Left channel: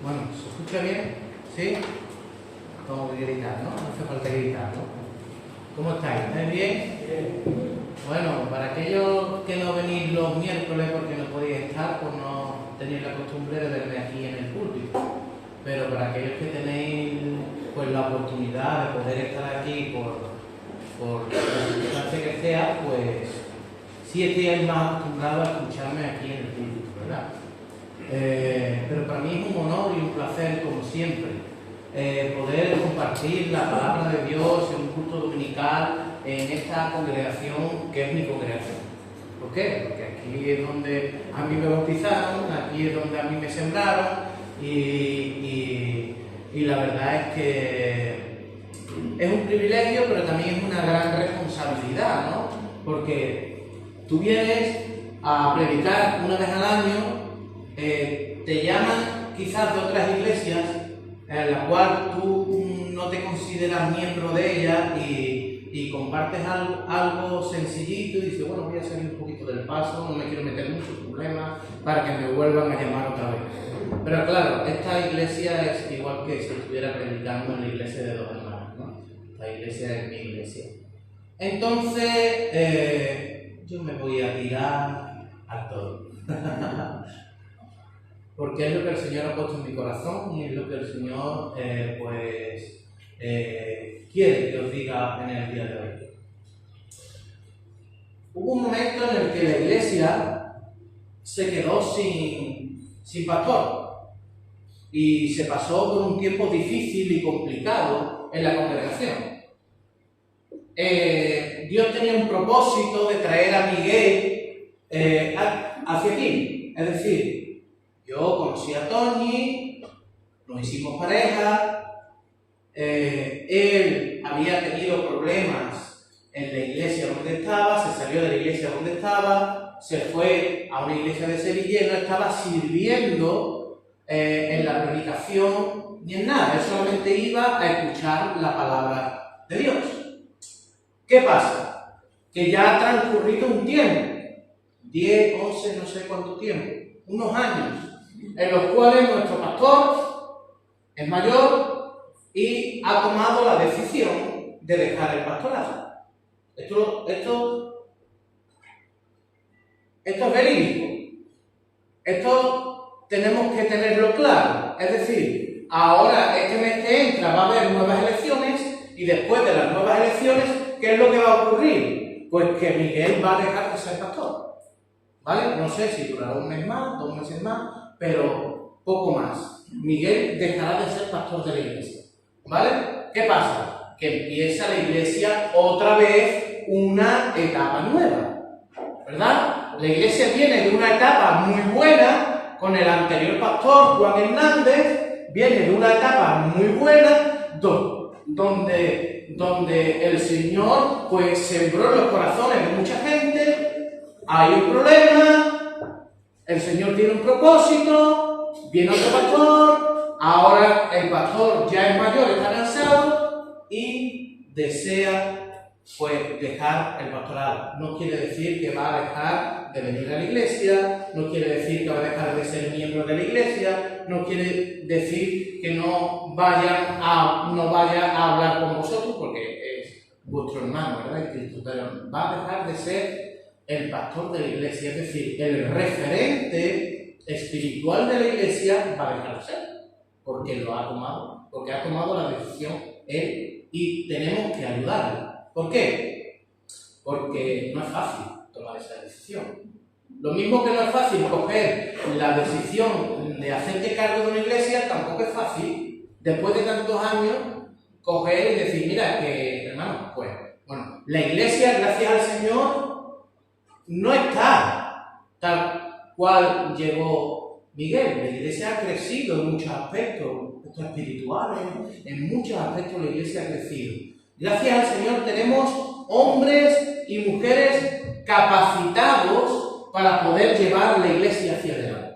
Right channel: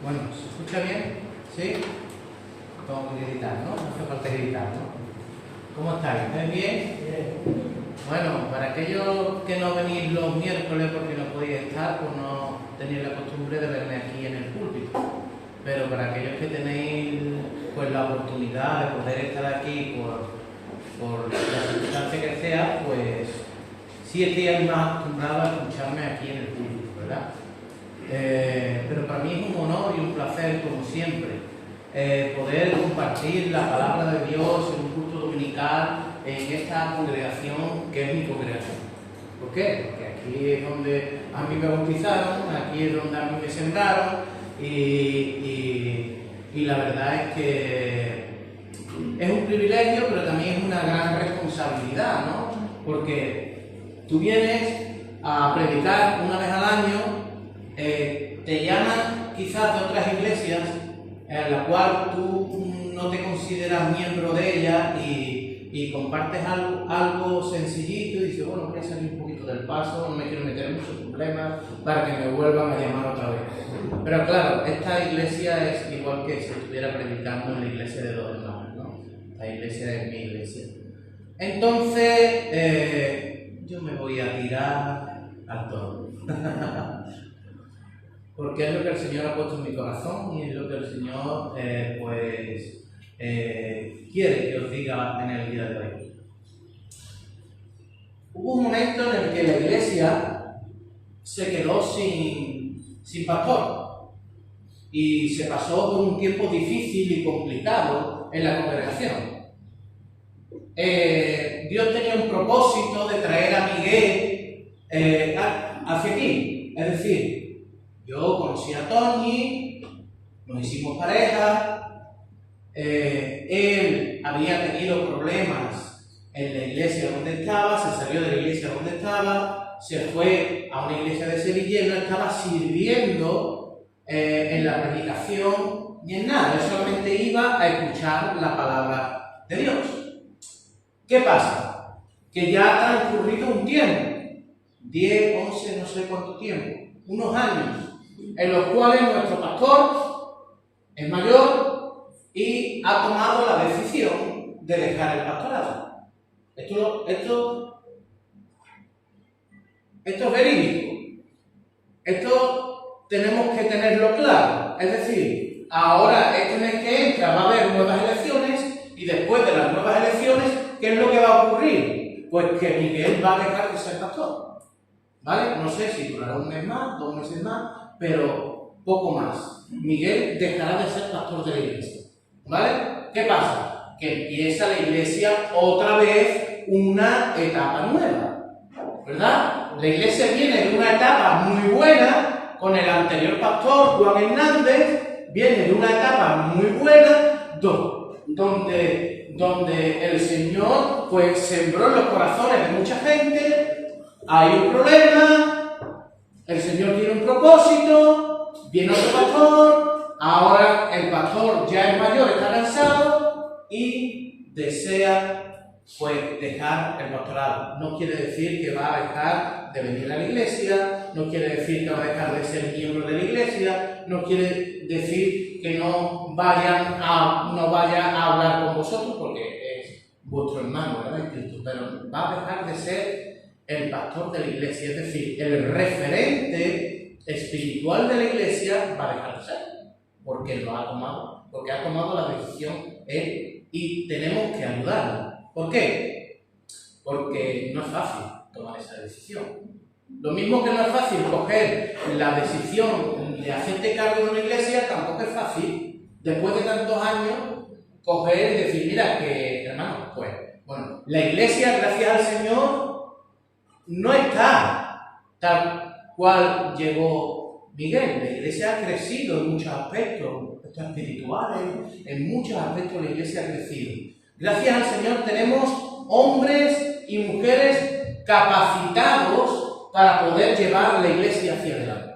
Bueno, ¿se escucha bien? ¿Sí? Tengo que gritar, ¿no? No hace falta gritar, ¿no? ¿Cómo estáis? ¿Estáis bien? Bien. Bueno, para aquellos que no venís los miércoles porque no podéis estar, pues no tenéis la costumbre de verme aquí en el púlpito. Pero para aquellos que tenéis pues la oportunidad de poder estar aquí por la circunstancia que sea, pues sí estéis más acostumbrados a escucharme aquí en el púlpito, ¿verdad? Pero para mí es un honor y un placer, como siempre, poder compartir la palabra de Dios en un culto dominical en esta congregación que es mi congregación. ¿Por qué? Porque aquí es donde a mí me bautizaron, aquí es donde a mí me sembraron y la verdad es que es un privilegio, pero también es una gran responsabilidad, ¿no? Porque tú vienes a predicar una vez al año. Te llaman quizás de otras iglesias en la cual tú no te consideras miembro de ella y compartes algo sencillito y dices, bueno, voy a salir un poquito del paso, no me quiero meter en muchos problemas para que me vuelvan a llamar otra vez. Pero claro, esta iglesia es igual que si estuviera predicando en la iglesia de dos hermanas, ¿no? Esta iglesia es mi iglesia. Entonces, yo me voy a tirar al toro. Porque es lo que el Señor ha puesto en mi corazón y es lo que el Señor quiere que os diga en el día de hoy. Hubo un momento en el que la iglesia se quedó sin pastor y se pasó por un tiempo difícil y complicado en la congregación. Dios tenía un propósito de traer a Miguel hacia aquí, es decir, yo conocí a Tony, nos hicimos pareja, él había tenido problemas en la iglesia donde estaba, se salió de la iglesia donde estaba, se fue a una iglesia de Sevilla y no estaba sirviendo en la predicación ni en nada, él solamente iba a escuchar la palabra de Dios. ¿Qué pasa? Que ya ha transcurrido un tiempo, 10, 11, no sé cuánto tiempo, unos años, en los cuales nuestro pastor es mayor y ha tomado la decisión de dejar el pastorado. Esto es verídico. Esto tenemos que tenerlo claro. Es decir, ahora, este mes que entra, va a haber nuevas elecciones y después de las nuevas elecciones, ¿qué es lo que va a ocurrir? Pues que Miguel va a dejar de ser pastor. ¿Vale? No sé si durará un mes más, 2 meses más, pero poco más. Miguel dejará de ser pastor de la iglesia. ¿Vale? ¿Qué pasa? Que empieza la iglesia otra vez una etapa nueva. ¿Verdad? La iglesia viene de una etapa muy buena con el anterior pastor, Juan Hernández, viene de una etapa muy buena donde el Señor pues sembró en los corazones de mucha gente. Hay un problema, el Señor tiene un propósito, viene otro pastor, ahora el pastor ya es mayor, está cansado y desea pues dejar el pastorado. No quiere decir que va a dejar de venir a la iglesia, no quiere decir que va a dejar de ser miembro de la iglesia, no quiere decir que no vaya a hablar con vosotros porque es vuestro hermano, ¿verdad? En Cristo, pero va a dejar de ser el pastor de la iglesia, es decir, el referente espiritual de la iglesia va a dejar de ser, porque él lo ha tomado, porque ha tomado la decisión él y tenemos que ayudarlo. ¿Por qué? Porque no es fácil tomar esa decisión. Lo mismo que no es fácil coger la decisión de hacerte cargo de una iglesia, tampoco es fácil, después de tantos años, coger y decir, mira, que hermano, pues, bueno, la iglesia, gracias al Señor, no está tal cual llegó Miguel. La iglesia ha crecido en muchos aspectos espirituales, en muchos aspectos la iglesia ha crecido. Gracias al Señor tenemos hombres y mujeres capacitados para poder llevar la iglesia hacia adelante.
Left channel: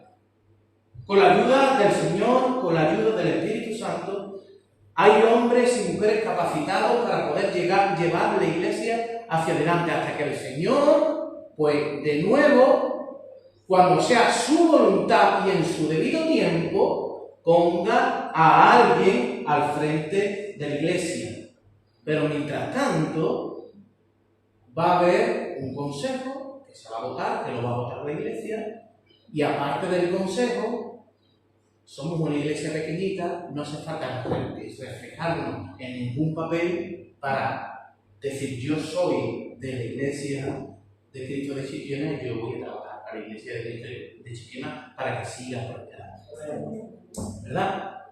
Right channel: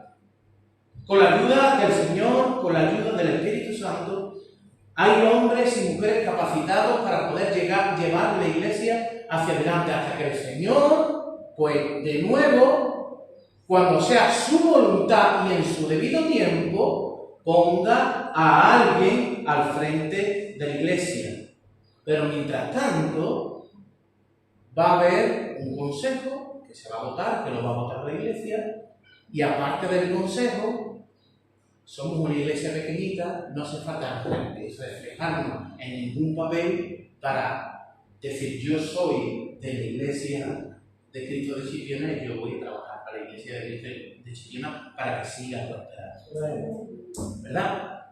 Con la ayuda del Señor, con la ayuda del Espíritu Santo, hay hombres y mujeres capacitados para poder llevar la iglesia hacia adelante hasta que el Señor, pues de nuevo, cuando sea su voluntad y en su debido tiempo, ponga a alguien al frente de la iglesia. Pero mientras tanto, va a haber un consejo que se va a votar, que lo va a votar la iglesia, y aparte del consejo, somos una iglesia pequeñita, no hace falta reflejarnos en ningún papel para decir yo soy de la iglesia de Cristo de Chipiona y yo voy a trabajar para la iglesia de Cristo de Chipiona para que siga prosperando. ¿Verdad?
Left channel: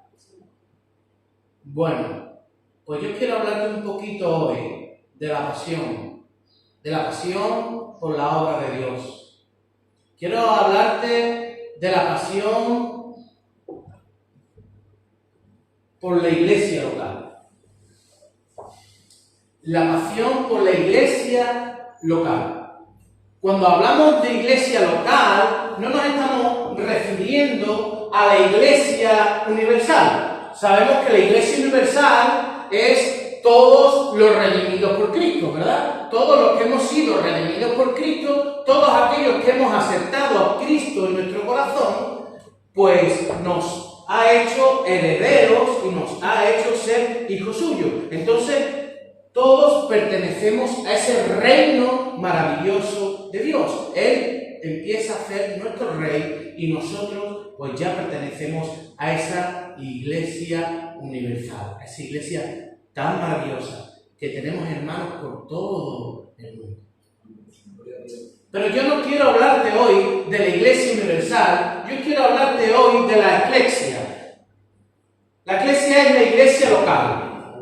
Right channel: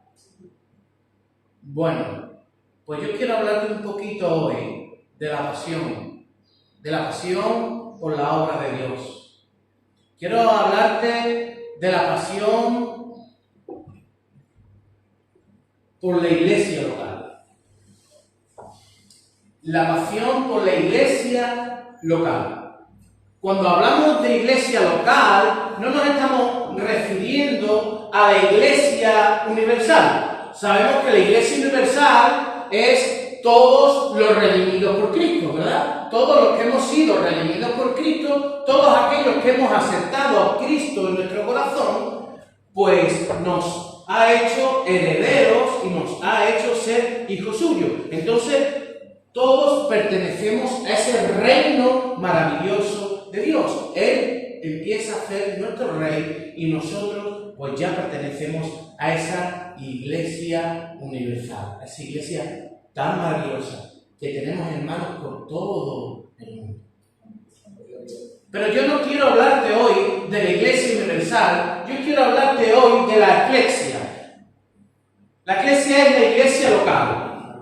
Bueno, pues yo quiero hablarte un poquito hoy de la pasión por la obra de Dios. Quiero hablarte de la pasión por la iglesia local. La pasión por la iglesia local. Cuando hablamos de iglesia local, no nos estamos refiriendo a la iglesia universal. Sabemos que la iglesia universal es todos los redimidos por Cristo, ¿verdad? Todos los que hemos sido redimidos por Cristo, todos aquellos que hemos aceptado a Cristo en nuestro corazón, pues nos ha hecho herederos y nos ha hecho ser hijos suyos. Entonces, todos pertenecemos a ese reino maravilloso de Dios. Él empieza a ser nuestro rey y nosotros pues ya pertenecemos a esa iglesia universal, a esa iglesia tan maravillosa que tenemos hermanos por todo el mundo. Pero yo no quiero hablarte hoy de la iglesia universal, yo quiero hablarte hoy de la eclesia. La eclesia es la iglesia local.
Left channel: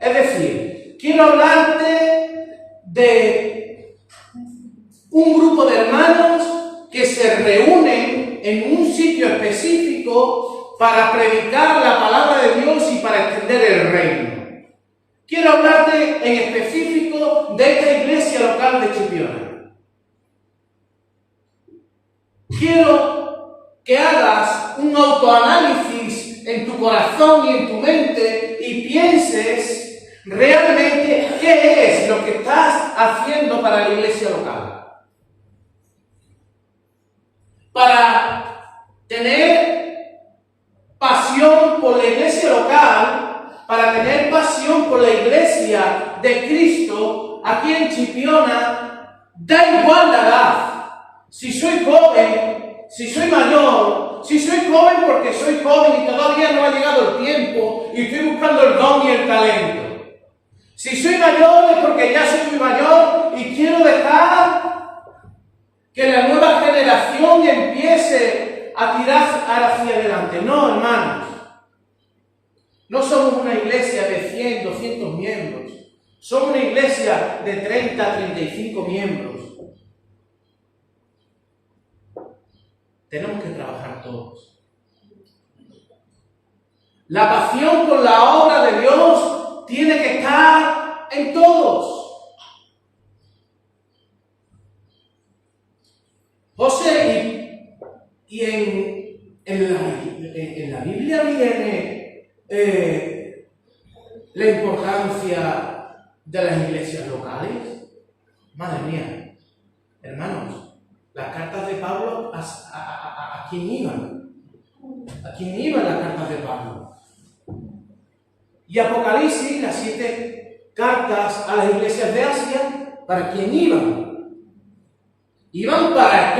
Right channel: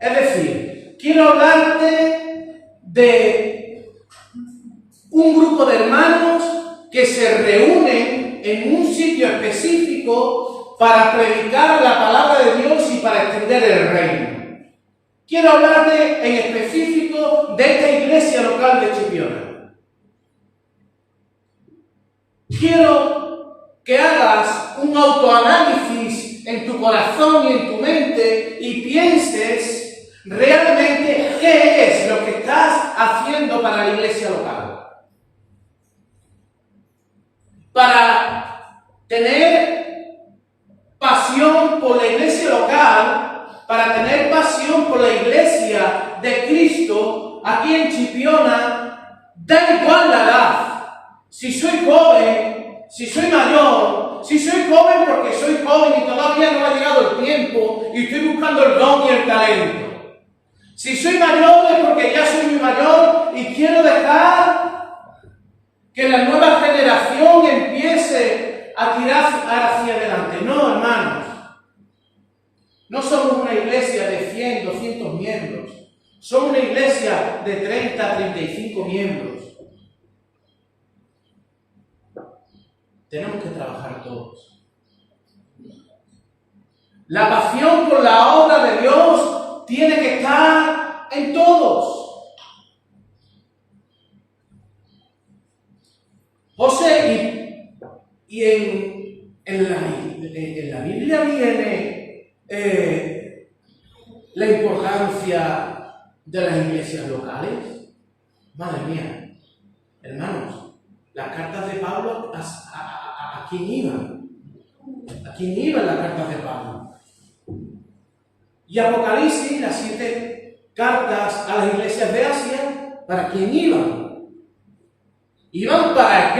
Es decir, quiero hablarte de un grupo de hermanos que se reúnen en un sitio específico para predicar la palabra de Dios y para extender el reino. Quiero hablarte en específico de esta iglesia local de Chipiona. Quiero que hagas un autoanálisis en tu corazón y en tu mente y pienses realmente qué es lo que estás haciendo para la iglesia local. Para tener pasión por la iglesia local, para tener pasión por la iglesia de Cristo, aquí en Chipiona, da igual la edad. Si soy joven, si soy mayor, si soy joven porque soy joven y todavía no ha llegado el tiempo y estoy buscando el don y el talento. Si soy mayor es porque ya soy muy mayor y quiero dejar que la nueva generación empiece a tirar hacia adelante. No, hermanos. No somos una iglesia de 100, 200 miembros. Somos una iglesia de 30, 35 miembros. Tenemos que trabajar todos. La pasión por la obra de Dios tiene que estar en todos. José, y en la Biblia viene la importancia de las iglesias locales. Madre mía, hermanos, las cartas de Pablo, ¿a quién iban? ¿A quién iban las cartas de Pablo? Y Apocalipsis, las 7 cartas a las iglesias de Asia, ¿para quién iban? Iban para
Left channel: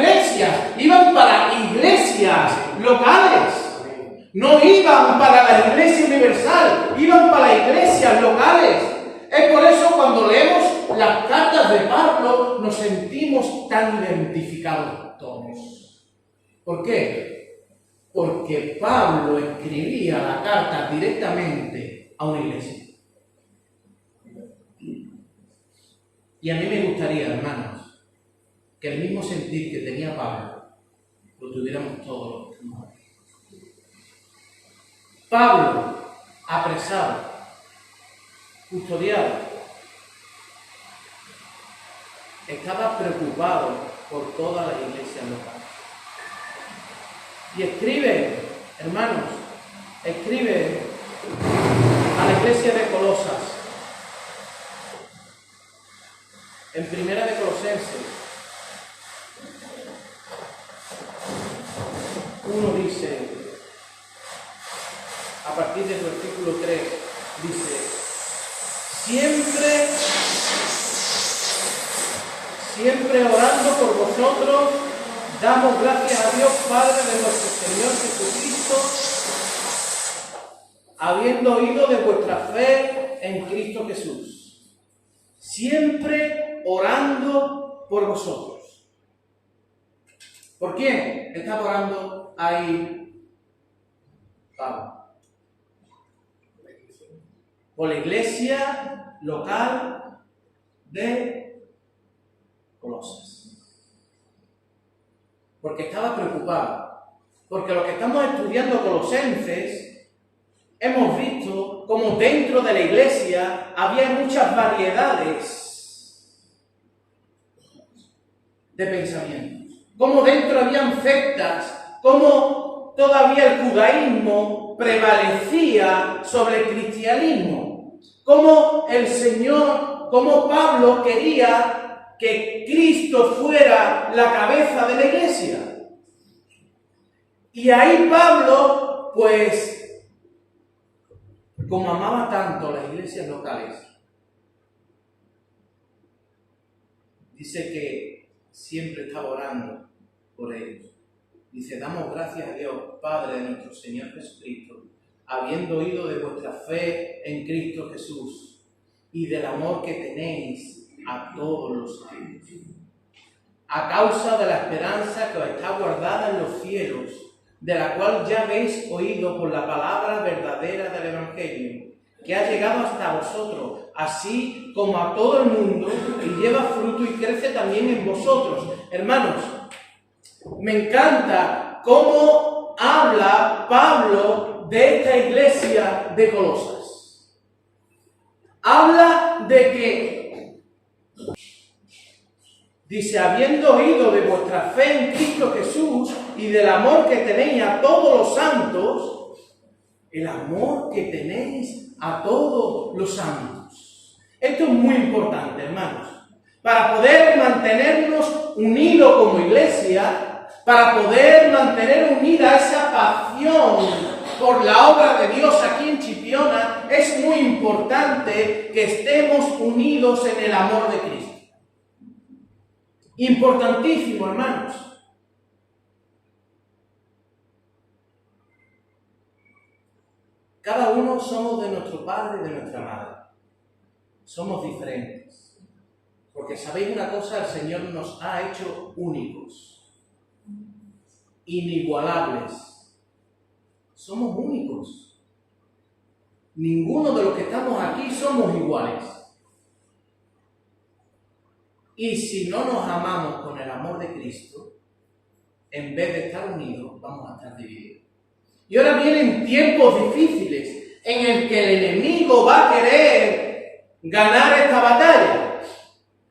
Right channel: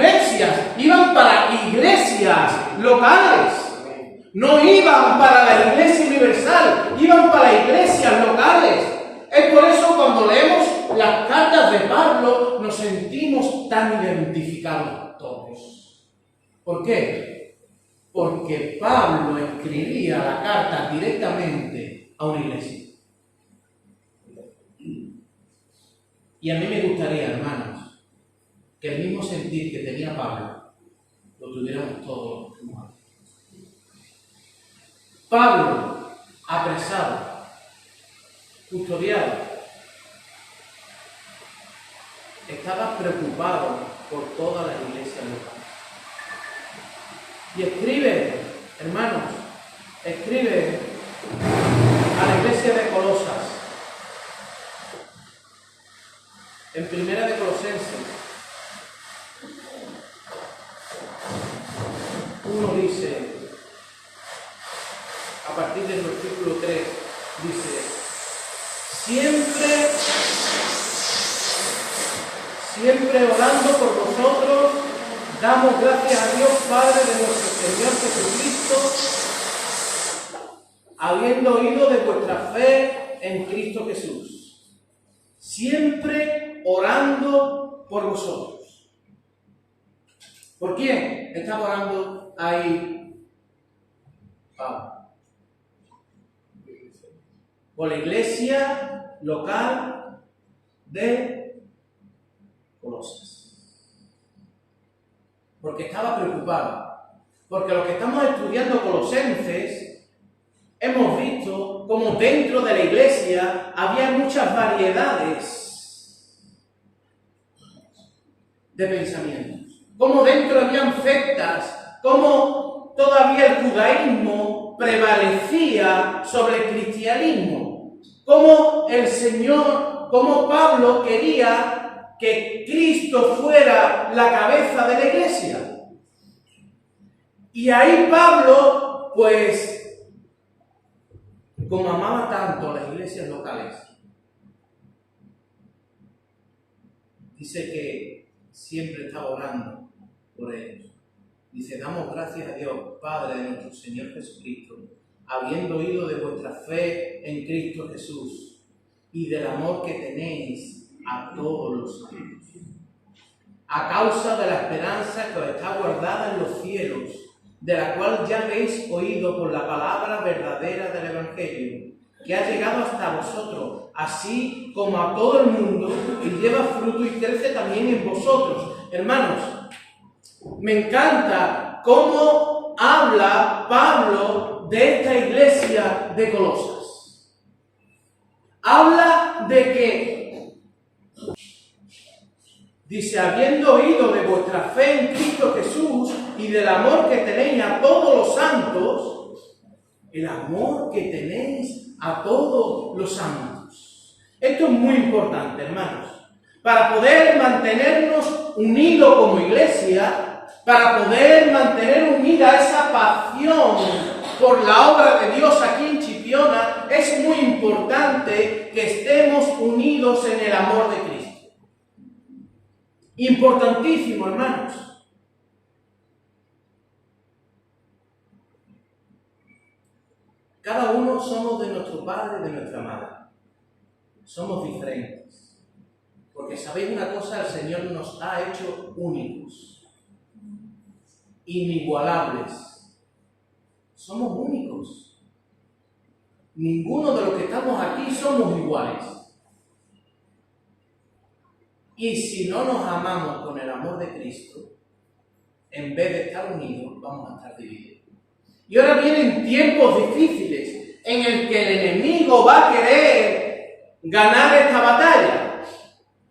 iglesias locales. No iban para la iglesia universal, iban para las iglesias locales. Es por eso cuando leemos las cartas de Pablo nos sentimos tan identificados todos. ¿Por qué? Porque Pablo escribía la carta directamente a una iglesia. Y a mí me gustaría, hermanos, que el mismo sentir que tenía Pablo lo tuviéramos todos los que estamos aquí. Pablo, apresado, custodiado, estaba preocupado por todas las iglesias locales. Y escribe, hermanos, escribe a la iglesia de Colosas, en Primera de Colosenses 1 dice: a partir del versículo 3, dice: siempre orando por vosotros, damos gracias a Dios Padre de nuestro Señor Jesucristo, habiendo oído de vuestra fe en Cristo Jesús. Siempre orando por vosotros. ¿Por quién está orando ahí Pablo? Por la iglesia local de Colosas. Porque estaba preocupado. Porque los que estamos estudiando Colosenses, hemos visto como dentro de la iglesia había muchas variedades de pensamientos. Como dentro habían sectas, como todavía el judaísmo prevalecía sobre el cristianismo. Como el Señor, como Pablo quería que Cristo fuera la cabeza de la iglesia. Y ahí Pablo, pues, como amaba tanto las iglesias locales, dice que siempre estaba orando por ellos. Dice: damos gracias a Dios, Padre de nuestro Señor Jesucristo, habiendo oído de vuestra fe en Cristo Jesús y del amor que tenéis a todos los santos, a causa de la esperanza que os está guardada en los cielos, de la cual ya habéis oído por la palabra verdadera del Evangelio, que ha llegado hasta vosotros, así como a todo el mundo, y lleva fruto y crece también en vosotros. Hermanos, me encanta cómo habla Pablo de esta iglesia de Colosas. Habla de que, dice, habiendo oído de vuestra fe en Cristo Jesús y del amor que tenéis a todos los santos, el amor que tenéis a todos los santos. Esto es muy importante, hermanos, para poder mantenernos unidos como iglesia, para poder mantener unida esa pasión por la obra de Dios aquí en Chipiona, es muy importante que estemos unidos en el amor de Cristo. Importantísimo, hermanos. Cada uno somos de nuestro padre y de nuestra madre. Somos diferentes. Porque sabéis una cosa, el Señor nos ha hecho únicos, inigualables. Somos únicos. Ninguno de los que estamos aquí somos iguales. Y si no nos amamos con el amor de Cristo, en vez de estar unidos, vamos a estar divididos. Y ahora vienen tiempos difíciles en el que el enemigo va a querer ganar esta batalla.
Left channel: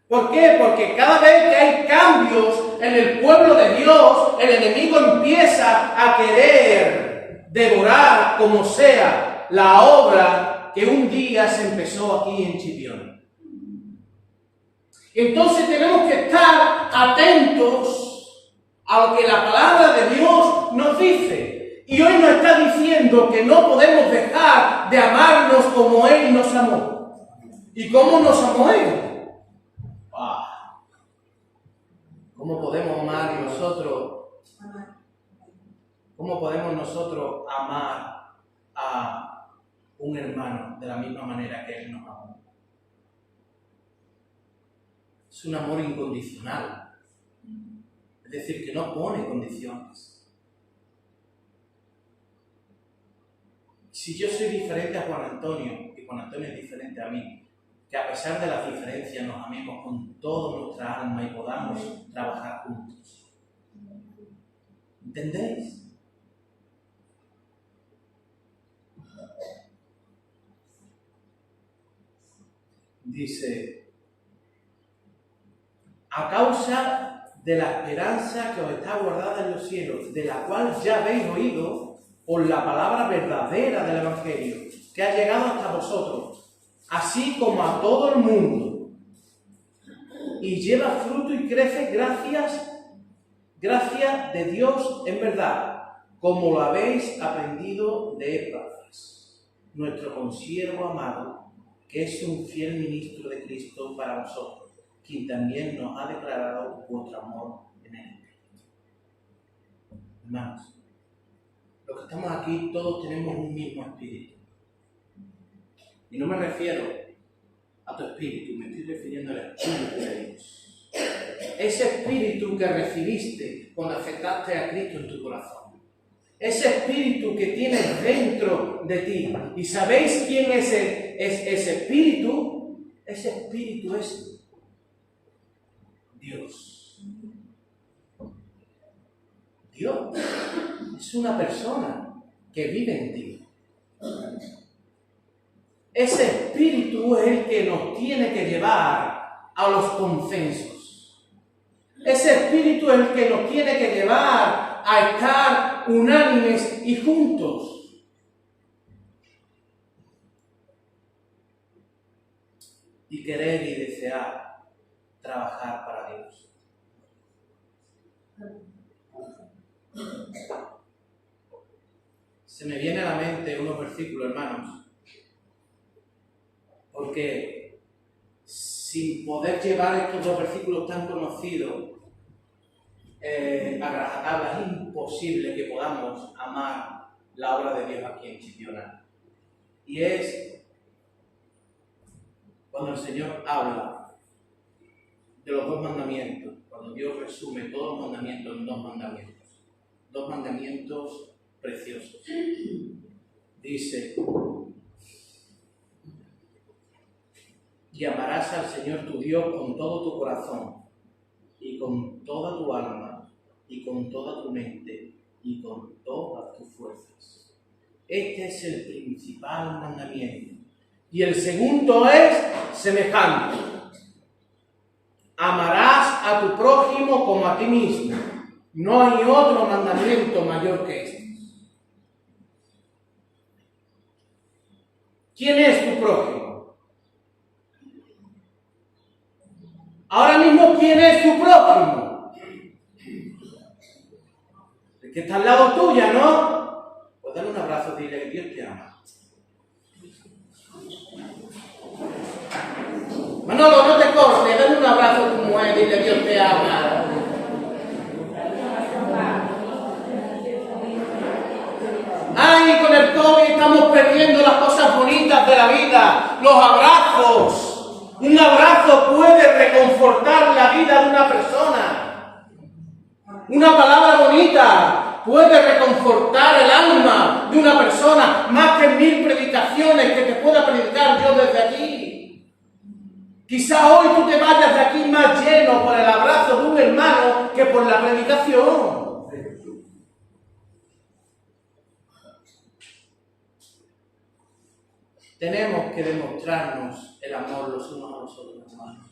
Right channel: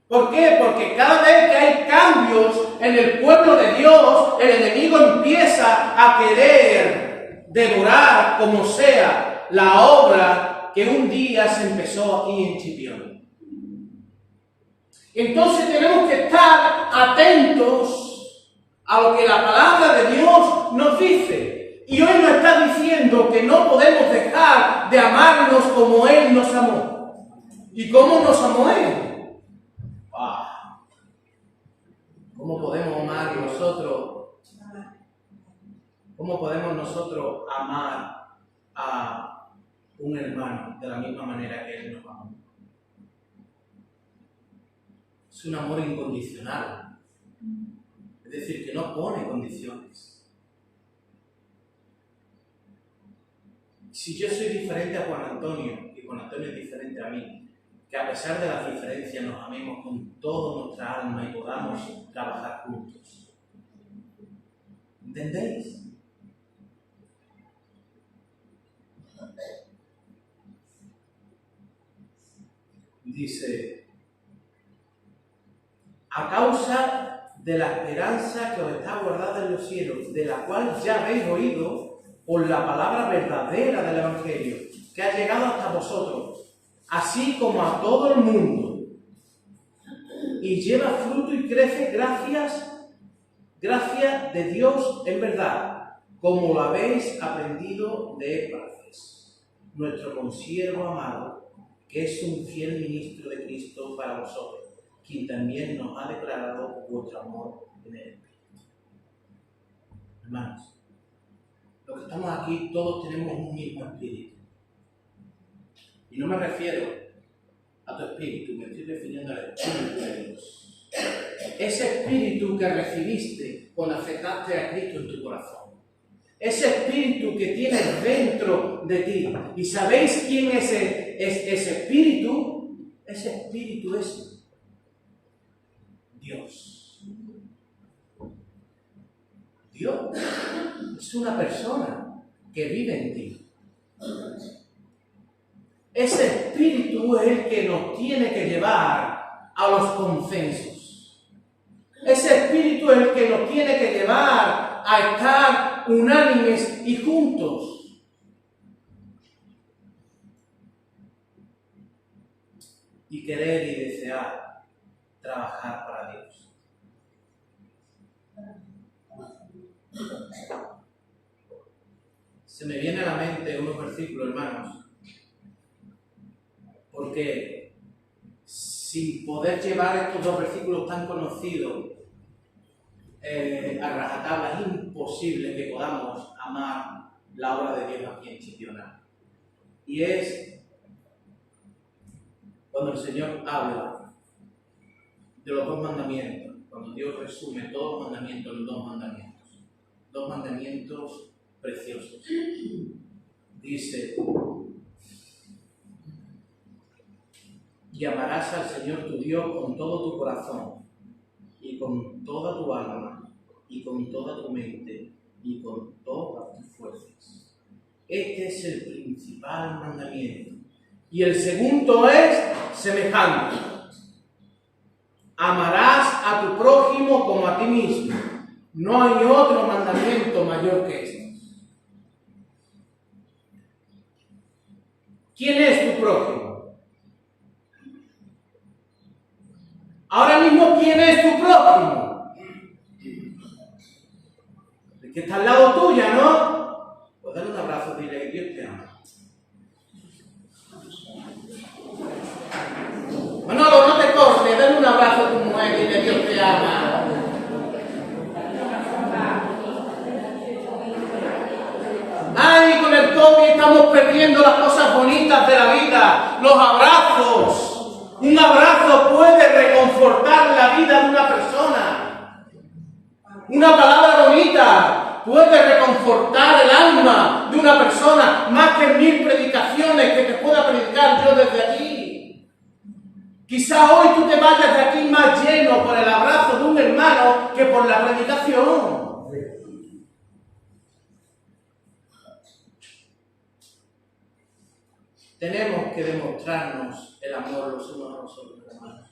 ¿Por qué? Porque cada vez que hay cambios en el pueblo de Dios, el enemigo empieza a querer devorar como sea la obra que un día se empezó aquí en Chipiona. Entonces tenemos que estar atentos a lo que la palabra de Dios nos dice. Y hoy nos está diciendo que no podemos dejar de amarnos como Él nos amó. ¿Y cómo nos amó Él? ¿Cómo podemos amar nosotros? ¿Cómo podemos nosotros amar a un hermano de la misma manera que Él nos amó? Es un amor incondicional. Es decir, que no pone condiciones. Si yo soy diferente a Juan Antonio y Juan Antonio es diferente a mí, que a pesar de las diferencias nos amemos con toda nuestra alma y podamos trabajar juntos. ¿Entendéis? Dice: a causa de la esperanza que os está guardada en los cielos, de la cual ya habéis oído por la palabra verdadera del Evangelio, que ha llegado hasta vosotros, así como a todo el mundo, y lleva fruto y crece gracias de Dios en verdad. como lo habéis aprendido de Epafras, nuestro consiervo amado, que es un fiel ministro de Cristo para vosotros, quien también nos ha declarado vuestro amor en el Espíritu. Hermanos, los que estamos aquí todos tenemos un mismo espíritu. Y no me refiero a tu espíritu, me estoy refiriendo al Espíritu de Dios. Ese espíritu que recibiste cuando aceptaste a Cristo en tu corazón. Ese espíritu que tienes dentro de ti. ¿Y sabéis quién es ese espíritu? Ese espíritu es Dios. Dios es una persona que vive en ti. Ese espíritu es el que nos tiene que llevar a los consensos. Ese espíritu es el que nos tiene que llevar a estar unánimes y juntos. Y querer y desear trabajar para Dios. Se me viene a la mente unos versículos, hermanos, porque sin poder llevar estos dos versículos tan conocidos a rajatabla, es imposible que podamos amar la obra de Dios aquí en Chipiona. Y es cuando el Señor habla de los dos mandamientos, cuando Dios resume todos los mandamientos en dos mandamientos preciosos. Dice: y amarás al Señor tu Dios con todo tu corazón, y con toda tu alma, y con toda tu mente, y con todas tus fuerzas. Este es el principal mandamiento. Y el segundo es semejante: amarás a tu prójimo como a ti mismo. No hay otro mandamiento mayor que este. ¿Quién es tu prójimo? Ahora mismo, ¿quién es tu prójimo? El que está al lado tuya, ¿no? Pues dale un abrazo, dile que Dios te ama. Manolo, no te cortes, dale un abrazo a tu mujer, dile que Dios te ama. Ay, con el COVID estamos perdiendo las cosas bonitas de la vida, los abrazos. Un abrazo puede reconfortar la vida de una persona. Una palabra bonita puede reconfortar el alma de una persona, más que 1000 predicaciones que te pueda predicar yo desde aquí. Quizá hoy tú te vayas de aquí más lleno por el abrazo de un hermano que por la predicación. Tenemos que demostrarnos el amor los unos a los otros, hermanos.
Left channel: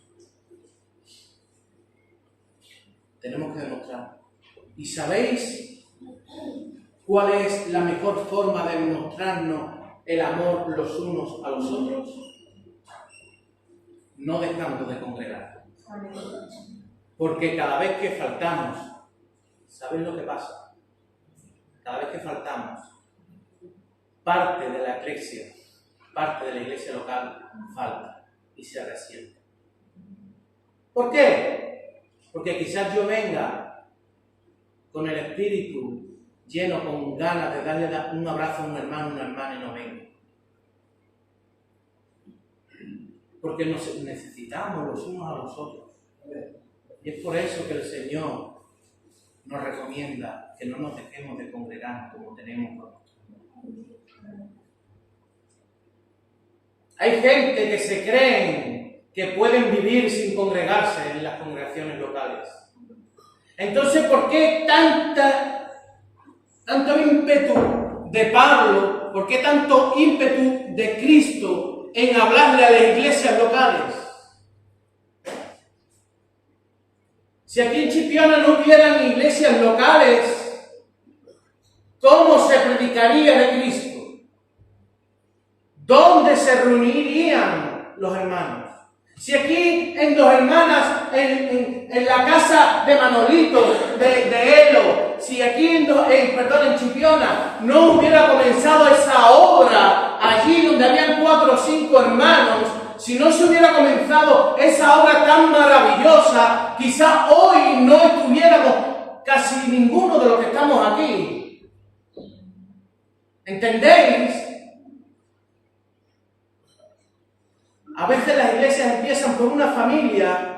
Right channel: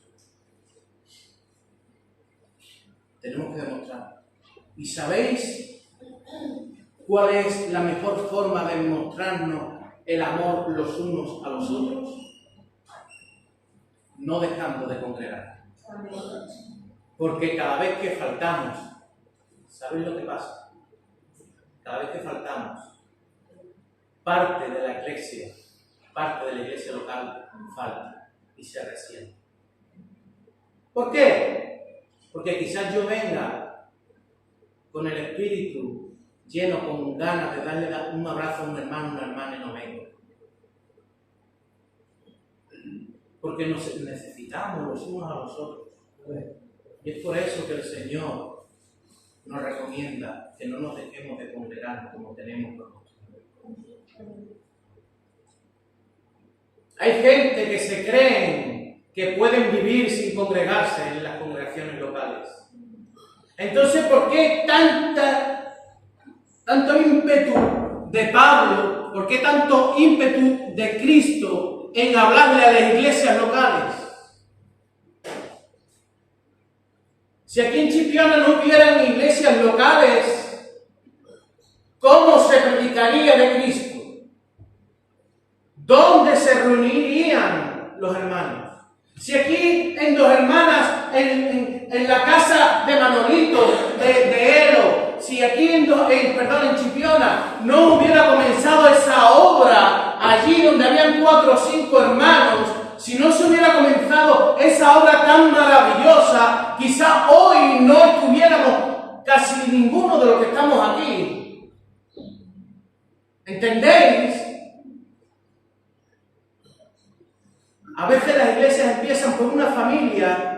Tenemos que demostrar. ¿Y sabéis cuál es la mejor forma de demostrarnos el amor los unos a los otros? No dejando de congregar. Porque cada vez que faltamos, ¿sabéis lo que pasa? Cada vez que faltamos, parte de la iglesia local falta y se resiente. ¿Por qué? Porque quizás yo venga con el espíritu lleno, con ganas de darle un abrazo a un hermano, una hermana, y no vengo. Porque nos necesitamos los unos a los otros. Y es por eso que el Señor nos recomienda que no nos dejemos de congregar como tenemos por costumbre. Hay gente que se creen que pueden vivir sin congregarse en las congregaciones locales. Entonces, ¿por qué tanto ímpetu de Pablo? ¿Por qué tanto ímpetu de Cristo en hablarle a las iglesias locales? Si aquí en Chipiona no hubieran iglesias locales, ¿cómo se predicaría de Cristo? ¿Dónde se reunirían los hermanos? Si aquí en Dos Hermanas, en la casa de Manolito, de Elo, si aquí en Chipiona no hubiera comenzado esa obra allí donde habían 4 o 5 hermanos, si no se hubiera comenzado esa obra tan maravillosa, quizá hoy no estuviéramos casi ninguno de los que estamos aquí. ¿Entendéis? A veces las iglesias empiezan por una familia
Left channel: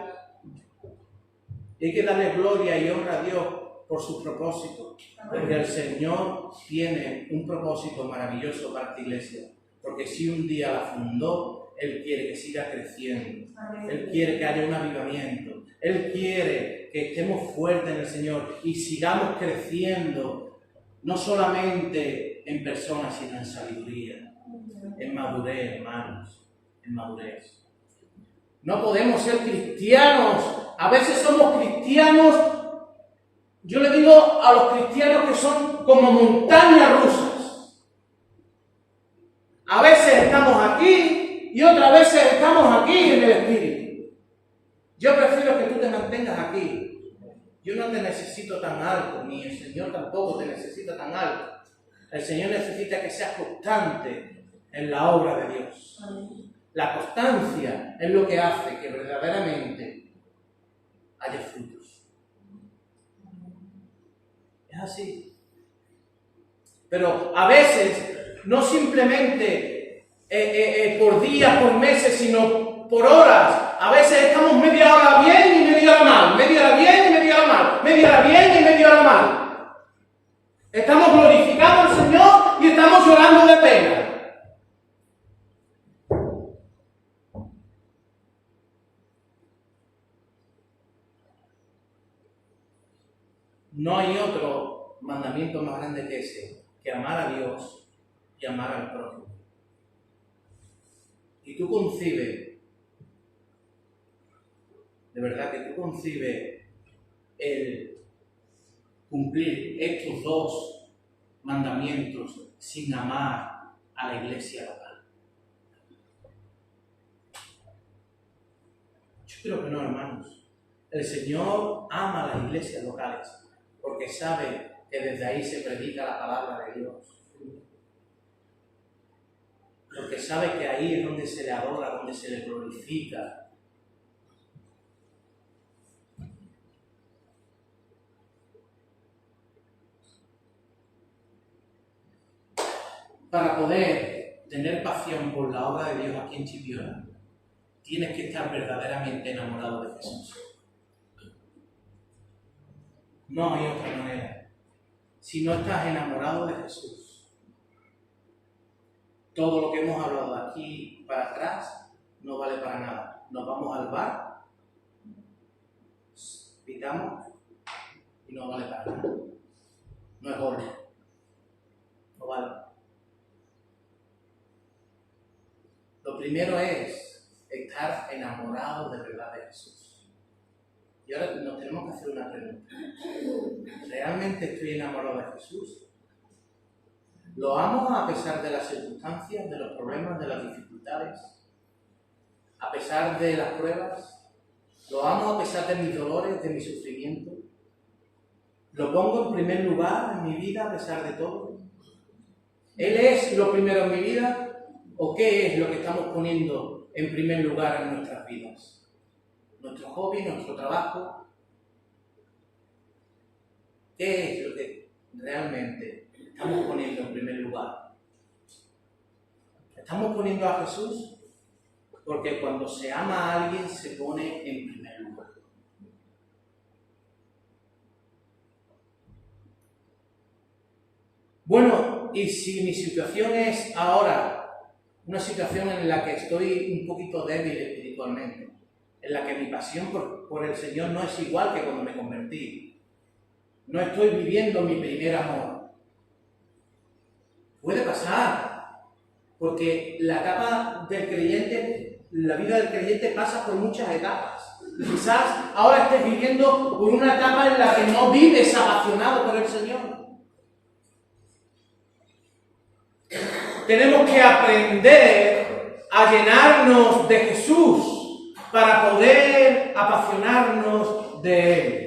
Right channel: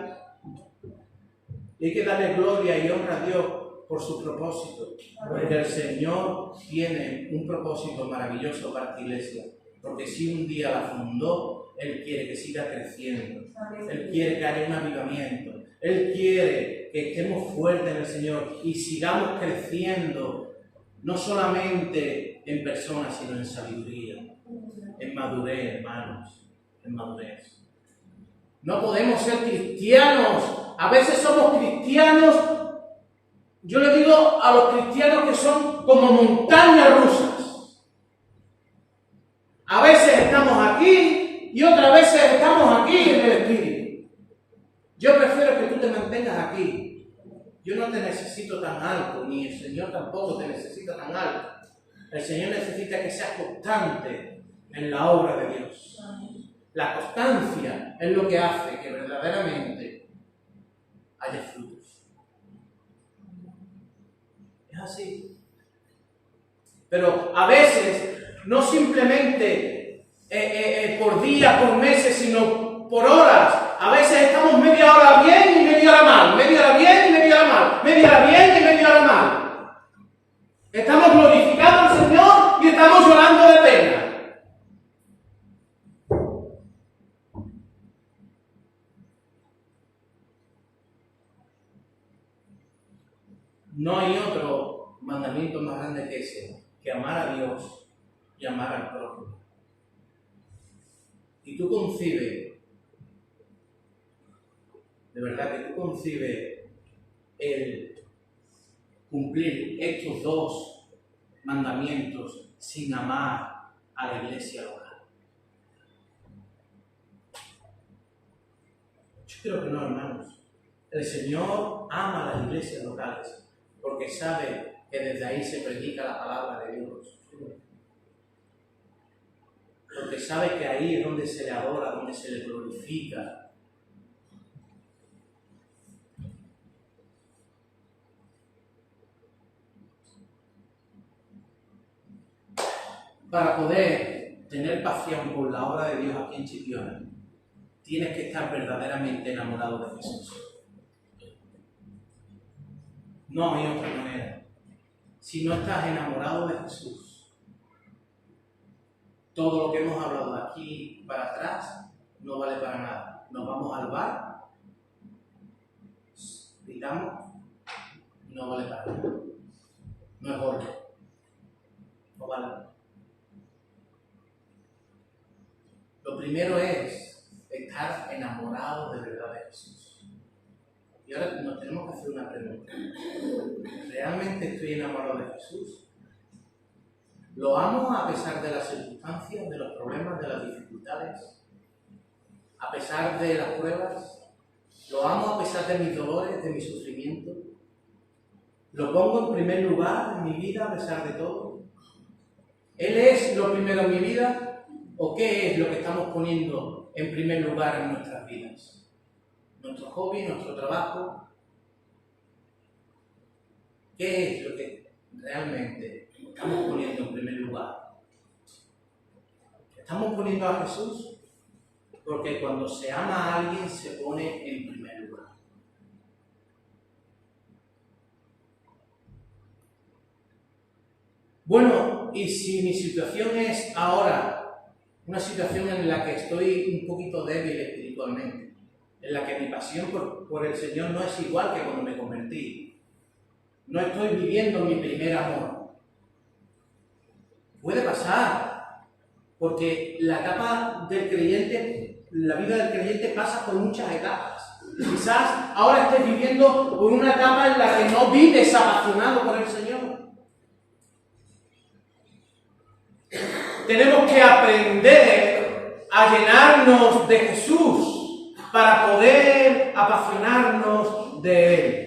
y hay que darle gloria y honra a Dios por su propósito. Porque el Señor tiene un propósito maravilloso para esta iglesia. Porque si un día la fundó, Él quiere que siga creciendo. Él quiere que haya un avivamiento. Él quiere que estemos fuertes en el Señor y sigamos creciendo, no solamente en personas, sino en sabiduría, en madurez, hermanos, en madurez. No podemos ser cristianos. A veces somos cristianos, yo le digo a los cristianos que son como montañas rusas. A veces estamos aquí y otras veces estamos aquí en el Espíritu. Yo prefiero que tú te mantengas aquí. Yo no te necesito tan alto, ni el Señor tampoco te necesita tan alto. El Señor necesita que seas constante en la obra de Dios. La constancia es lo que hace que verdaderamente haya frutos. Es así. Pero a veces, no simplemente por días, por meses, sino por horas. A veces estamos media hora bien y media hora mal. Media hora bien y media hora mal. Media hora bien y media hora mal. Estamos glorificando al Señor y estamos llorando de pena. No hay otro mandamiento más grande que ese, que amar a Dios y amar al prójimo. Y tú concibes, de verdad que tú concibes el cumplir estos 2 mandamientos sin amar a la iglesia local. Yo creo que no, hermanos. El Señor ama a las iglesias locales, porque sabe que desde ahí se predica la palabra de Dios. Porque sabe que ahí es donde se le adora, donde se le glorifica. Para poder tener pasión por la obra de Dios aquí en Chipiona, tienes que estar verdaderamente enamorado de Jesús. No hay otra manera. Si no estás enamorado de Jesús, todo lo que hemos hablado de aquí para atrás no vale para nada. Nos vamos al bar, pitamos y no vale para nada. No es orden. No vale. Lo primero es estar enamorado de verdad de Jesús. Y ahora nos tenemos que hacer una pregunta. ¿Realmente estoy enamorado de Jesús? ¿Lo amo a pesar de las circunstancias, de los problemas, de las dificultades? ¿A pesar de las pruebas? ¿Lo amo a pesar de mis dolores, de mi sufrimiento? ¿Lo pongo en primer lugar en mi vida a pesar de todo? ¿Él es lo primero en mi vida? ¿O qué es lo que estamos poniendo en primer lugar en nuestras vidas? ¿Nuestro hobby, nuestro trabajo? ¿Qué es lo que realmente estamos poniendo en primer lugar? ¿Estamos poniendo a Jesús? Porque cuando se ama a alguien se pone en primer lugar. Bueno, y si mi situación es ahora una situación en la que estoy un poquito débil espiritualmente, en la que mi pasión por el Señor no es igual que cuando me convertí, no estoy viviendo mi primer amor. Puede pasar, porque la etapa del creyente, la vida del creyente pasa por muchas etapas. Quizás ahora estés viviendo por una etapa en la que no vives apasionado por el Señor. Tenemos que aprender a llenarnos de Jesús para poder apasionarnos de Él.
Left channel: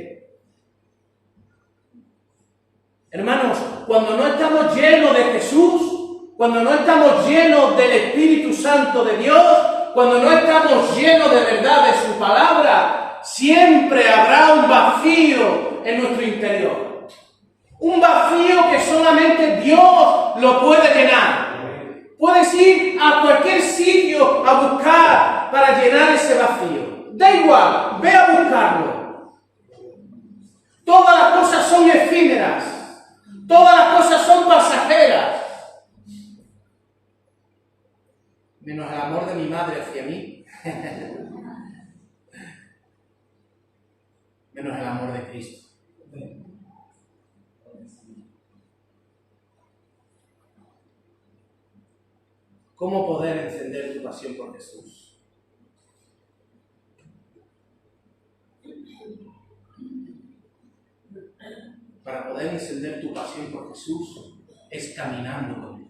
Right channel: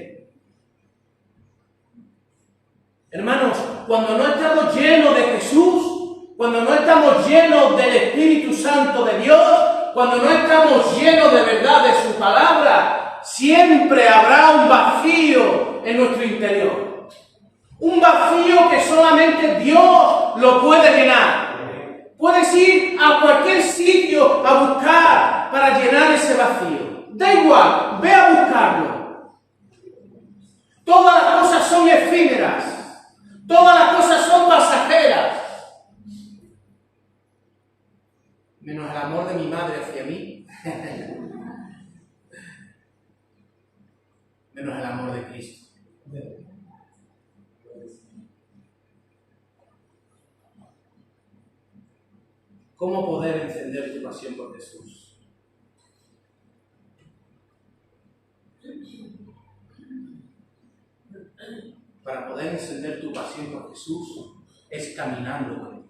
Hermanos, cuando no estamos llenos de Jesús, cuando no estamos llenos del Espíritu Santo de Dios, cuando no estamos llenos de verdad de su palabra, siempre habrá un vacío en nuestro interior. Un vacío que solamente Dios lo puede llenar. Puedes ir a cualquier sitio a buscar para llenar ese vacío. Da igual, ve a buscarlo. Todas las cosas son efímeras. Todas las cosas son pasajeras. Menos el amor de mi madre hacia mí. Menos el amor de Cristo. ¿Cómo poder encender tu pasión por Jesús? Para poder encender tu pasión por Jesús es caminando con Él.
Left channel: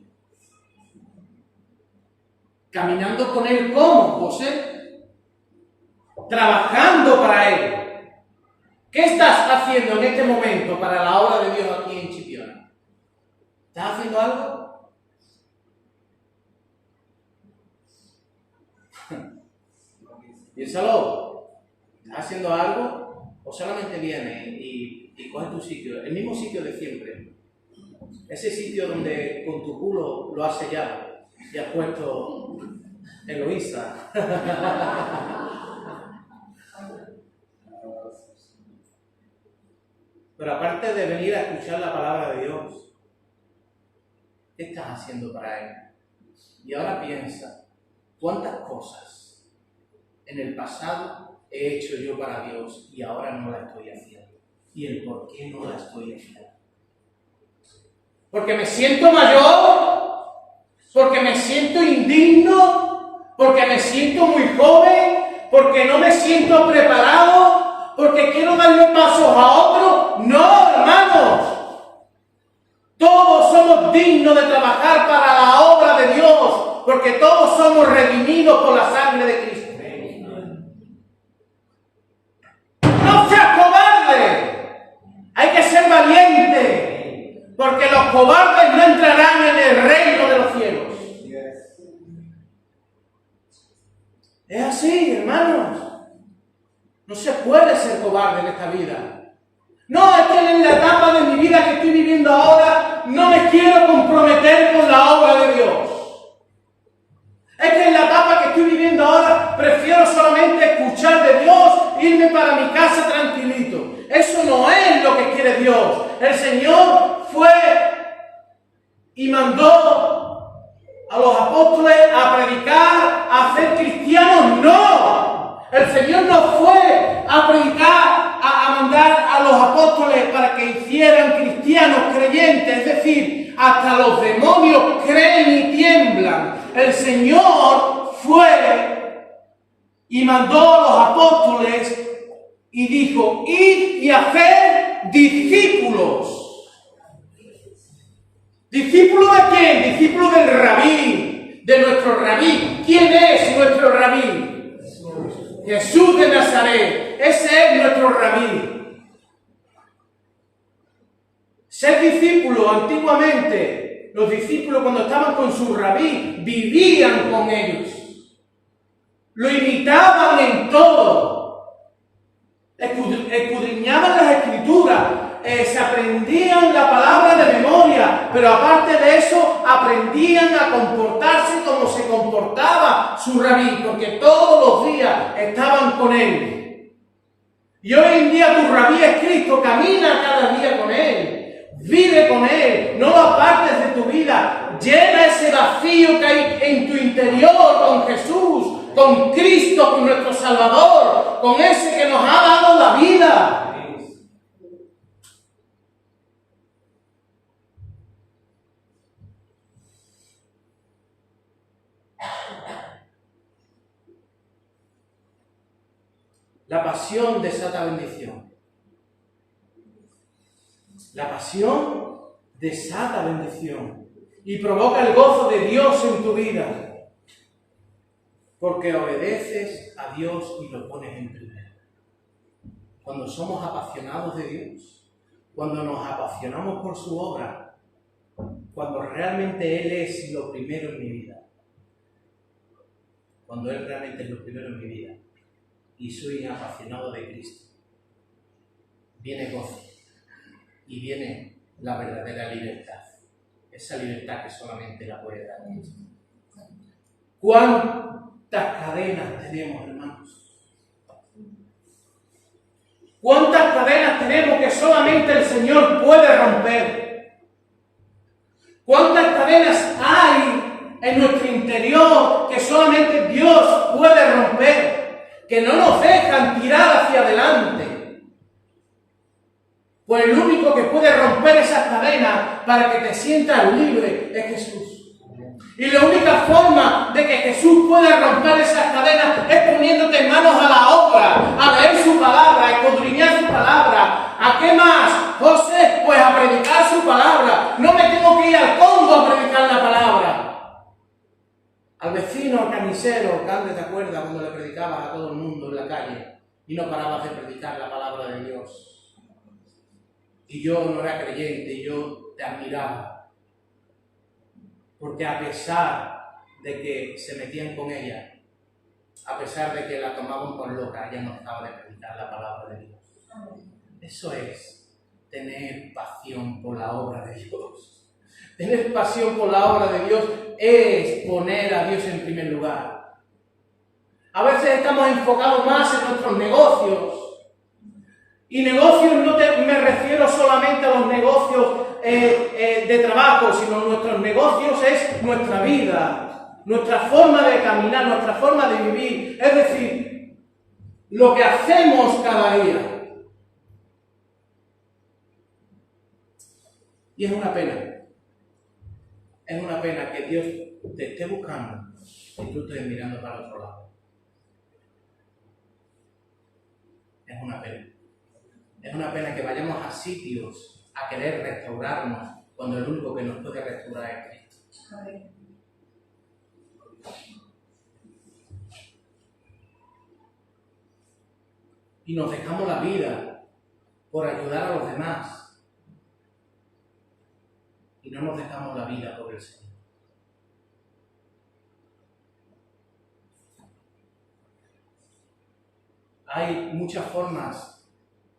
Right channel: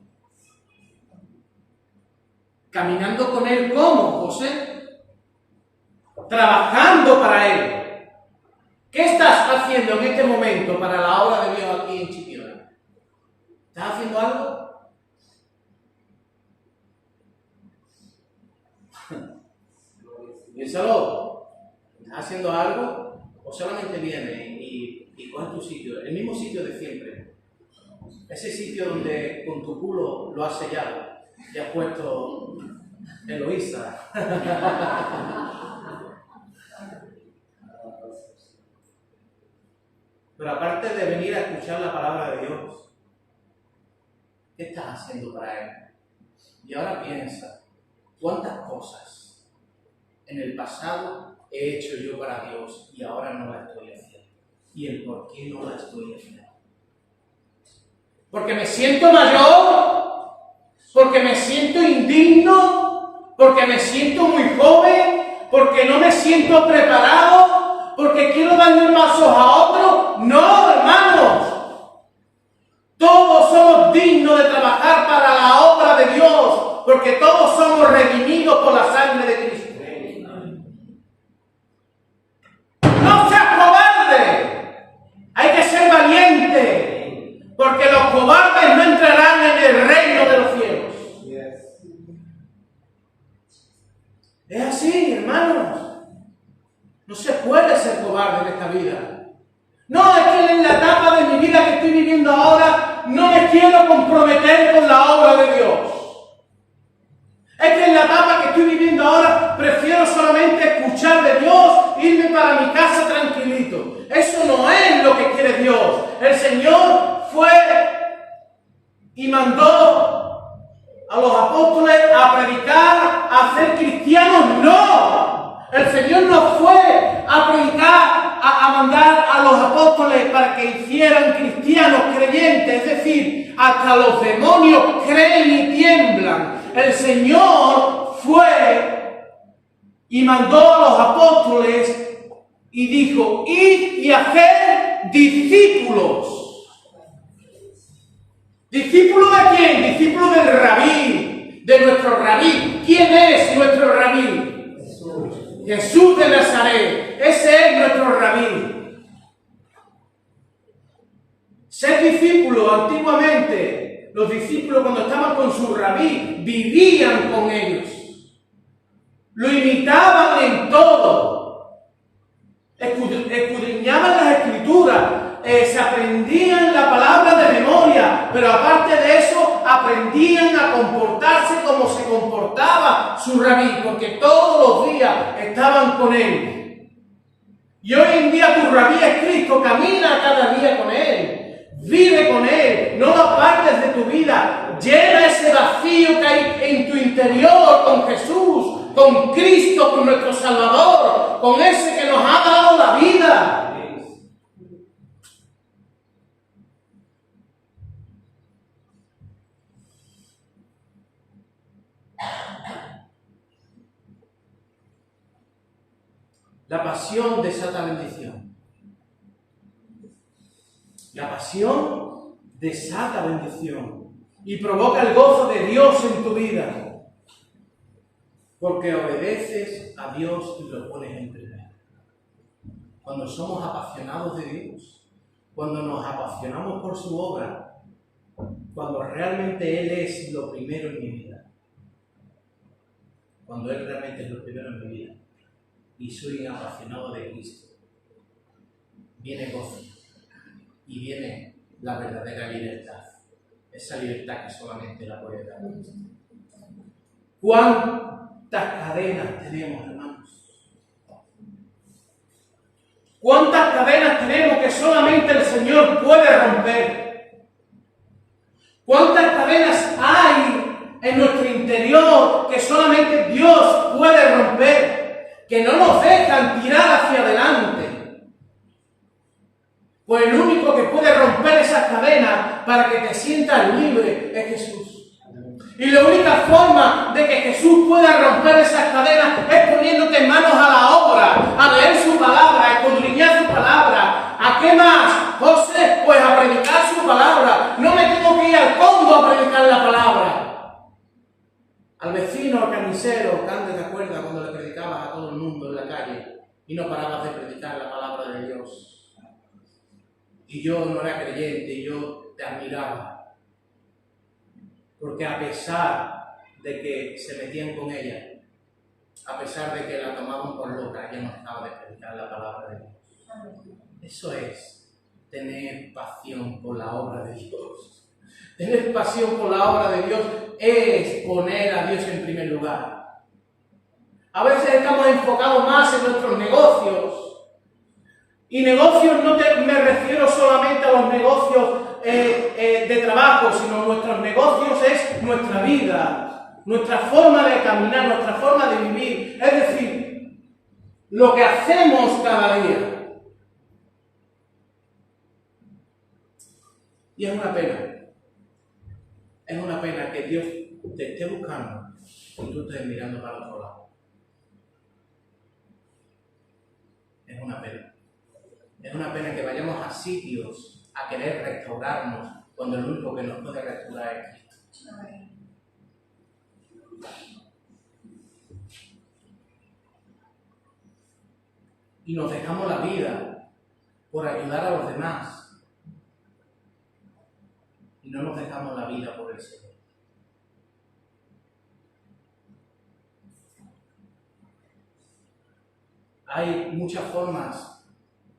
¿Caminando con Él cómo, José? Trabajando para Él. ¿Qué estás haciendo en este momento para la obra de Dios aquí en Chipiona? ¿Estás haciendo algo? Piénsalo. ¿Estás haciendo algo? ¿O solamente vienes y coges tu sitio? El mismo sitio de siempre. Ese sitio donde con tu culo lo has sellado y has puesto Eloísa. Pero aparte de venir a escuchar la palabra de Dios, ¿qué estás haciendo para Él? Y ahora piensa, ¿cuántas cosas en el pasado he hecho yo para Dios y ahora no la estoy haciendo? ¿Y el por qué no la estoy haciendo? ¿Porque me siento mayor? ¿Porque me siento indigno? ¿Porque me siento muy joven? ¿Porque no me siento preparado? ¿Porque quiero darle pasos a otro? No, hermanos. Todos somos dignos de trabajar para la obra de Dios, porque todos somos redimidos por la sangre de Cristo. ¡No seas cobarde! Hay que ser valiente, porque los cobardes no entrarán en el reino de los cielos. Es así, hermanos. No se puede ser cobarde en esta vida. No, es que en la etapa de mi vida que estoy viviendo ahora no me quiero comprometer con la obra de Dios. Es que en la etapa que estoy viviendo ahora prefiero solamente escuchar de Dios, irme para mi casa tranquilito. Eso no es lo que quiere Dios. El Señor fue y mandó a los apóstoles a predicar, a ser cristianos. ¡No! El Señor no fue a predicar, a mandar a los apóstoles para que hicieran cristianos creyentes. Es decir, hasta los demonios creen y tiemblan. El Señor fue y mandó a los apóstoles y dijo, id y haced discípulos. ¿Discípulo de quién? Discípulo del rabí, de nuestro rabí. ¿Quién es nuestro rabí? Jesús de Nazaret. Ese es nuestro rabí. Ser discípulo antiguamente, los discípulos cuando estaban con su rabí, vivían con ellos. Lo imitaban en todo. Escudriñaban las escrituras. Se aprendían la palabra de memoria, pero aparte de eso, aprendían a comportarse como se comportaba su rabí, porque todos los días estaban con él. Y hoy en día tu rabí es Cristo, camina cada día con él, vive con él, no lo apartes de tu vida, llena ese vacío que hay en tu interior con Jesús, con Cristo, con nuestro Salvador, con ese que nos ha dado la vida. La pasión desata bendición. La pasión desata bendición y provoca el gozo de Dios en tu vida. Porque obedeces a Dios y lo pones en primero. Cuando somos apasionados de Dios, cuando nos apasionamos por su obra, cuando realmente Él es lo primero en mi vida, cuando Él realmente es lo primero en mi vida y soy apasionado de Cristo, viene gozo y viene la verdadera libertad, esa libertad que solamente la puede dar Cristo. ¿Cuántas cadenas tenemos, hermanos? ¿Cuántas cadenas tenemos que solamente el Señor puede romper? ¿Cuántas cadenas hay en nuestro interior que solamente Dios puede romper? Que no nos dejan tirar hacia adelante. Pues el único que puede romper esas cadenas para que te sientas libre es Jesús. Y la única forma de que Jesús pueda romper esas cadenas es poniéndote en manos a la obra, a leer su palabra, a escudriñar su palabra. ¿A qué más, José? Pues a predicar su palabra. No me tengo que ir al Congo a predicar la palabra. Al vecino, al camisero, Cande, ¿te acuerdas cuando le predicabas a todo el mundo en la calle y no parabas de predicar la palabra de Dios? Y yo no era creyente y yo te admiraba. Porque a pesar de que se metían con ella, a pesar de que la tomaban por loca, ella no dejaba de predicar la palabra de Dios. Eso es tener pasión por la obra de Dios. Tener pasión por la obra de Dios es poner a Dios en primer lugar. A veces estamos enfocados más en nuestros negocios. Y negocios no me refiero solamente a los negocios de trabajo, sino nuestros negocios es nuestra vida, nuestra forma de caminar, nuestra forma de vivir, es decir, lo que hacemos cada día. Y es una pena que Dios te esté buscando y tú estés mirando para otro lado. Es una pena. Es una pena que vayamos a sitios a querer restaurarnos cuando el único que nos puede restaurar es Cristo. Y nos dejamos la vida por ayudar a los demás. Y no nos dejamos la vida por el Señor. Hay muchas formas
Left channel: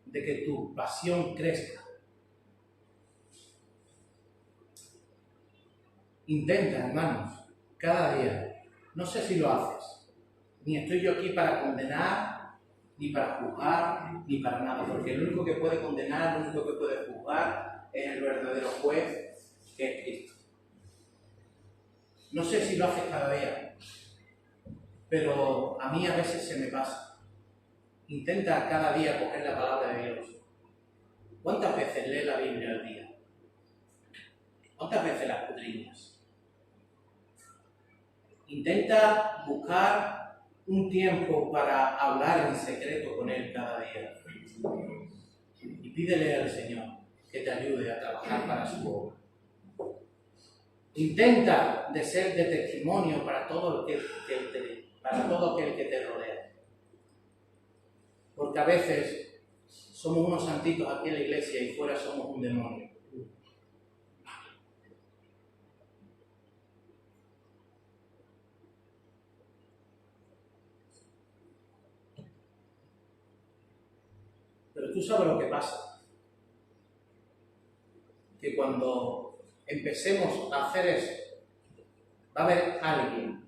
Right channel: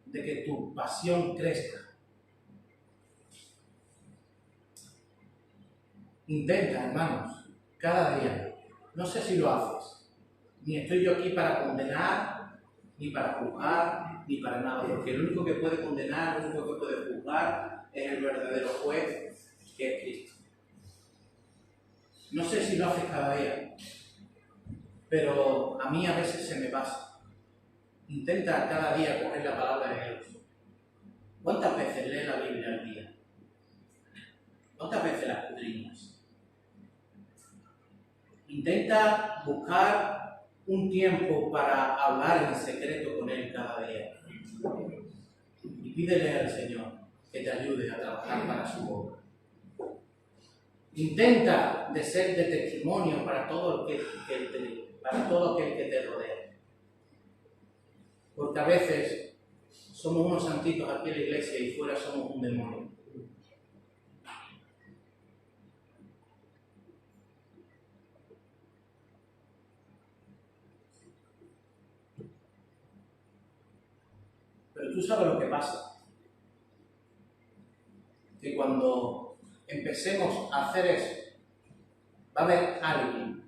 de que tu pasión crezca. Intenta, hermanos, cada día. No sé si lo haces. Ni estoy yo aquí para condenar, ni para juzgar, ni para nada. Porque el único que puede condenar, el único que puede juzgar es el verdadero juez, que es Cristo. No sé si lo haces cada día, pero a mí a veces se me pasa. Intenta cada día coger la palabra de Dios. ¿Cuántas veces lees la Biblia al día? ¿Cuántas veces la escudriñas? Intenta buscar un tiempo para hablar en secreto con Él cada día. Y pídele al Señor que te ayude a trabajar para su obra. Intenta de ser de testimonio para todo aquel que te rodea. Porque a veces somos unos santitos aquí en la iglesia y fuera somos un demonio. Pero tú sabes lo que pasa. Que cuando empecemos a hacer eso, va a haber alguien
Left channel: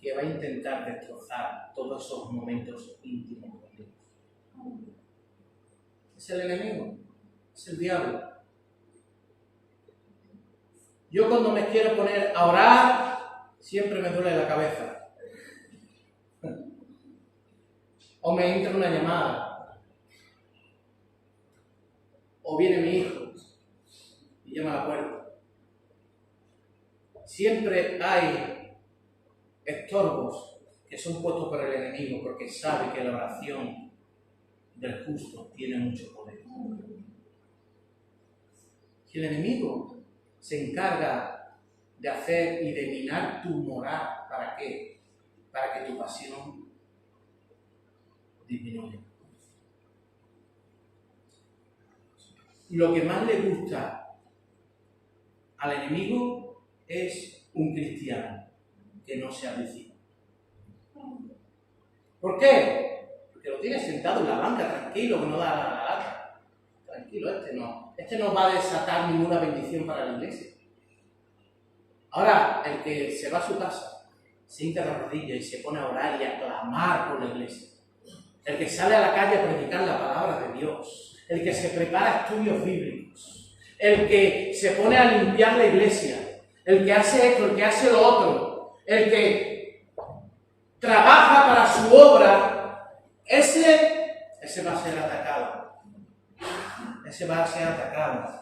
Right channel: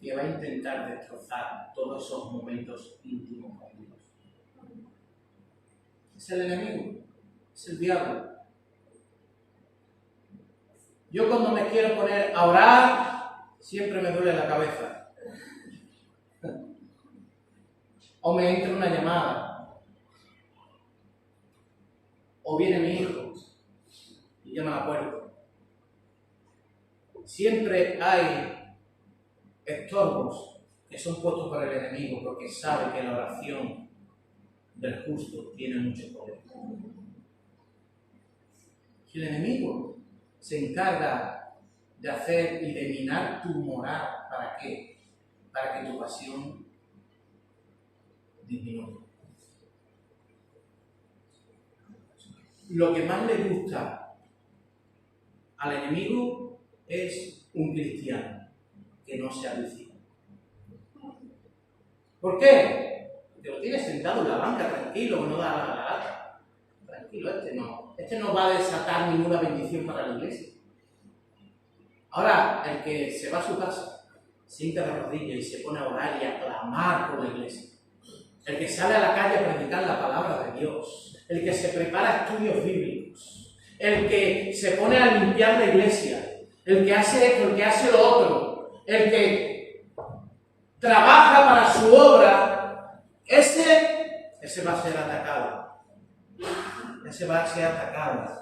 que va a intentar destrozar todos esos momentos íntimos con Dios. Es el enemigo, es el diablo. Yo cuando me quiero poner a orar, siempre me duele la cabeza. O me entra una llamada. O viene mi hijo y llama a la puerta. Siempre hay estorbos que son puestos por el enemigo porque sabe que la oración del justo tiene mucho poder. Y el enemigo se encarga de hacer y de minar tu moral. ¿Para qué? Para que tu pasión disminuya. lo que más le gusta al enemigo es un cristiano que no se avicina. ¿Por qué? Porque lo tiene sentado en la banca, tranquilo, que no da la lata. Tranquilo, este no va a desatar ninguna bendición para la iglesia. Ahora, el que se va a su casa, se hinca de rodillas y se pone a orar y a clamar por la iglesia. El que sale a la calle a predicar la palabra de Dios. El que se prepara estudios bíblicos. El que se pone a limpiar la iglesia. El que hace esto, el que hace lo otro. El que trabaja para su obra. Ese va a ser atacado. Ese va a ser atacado.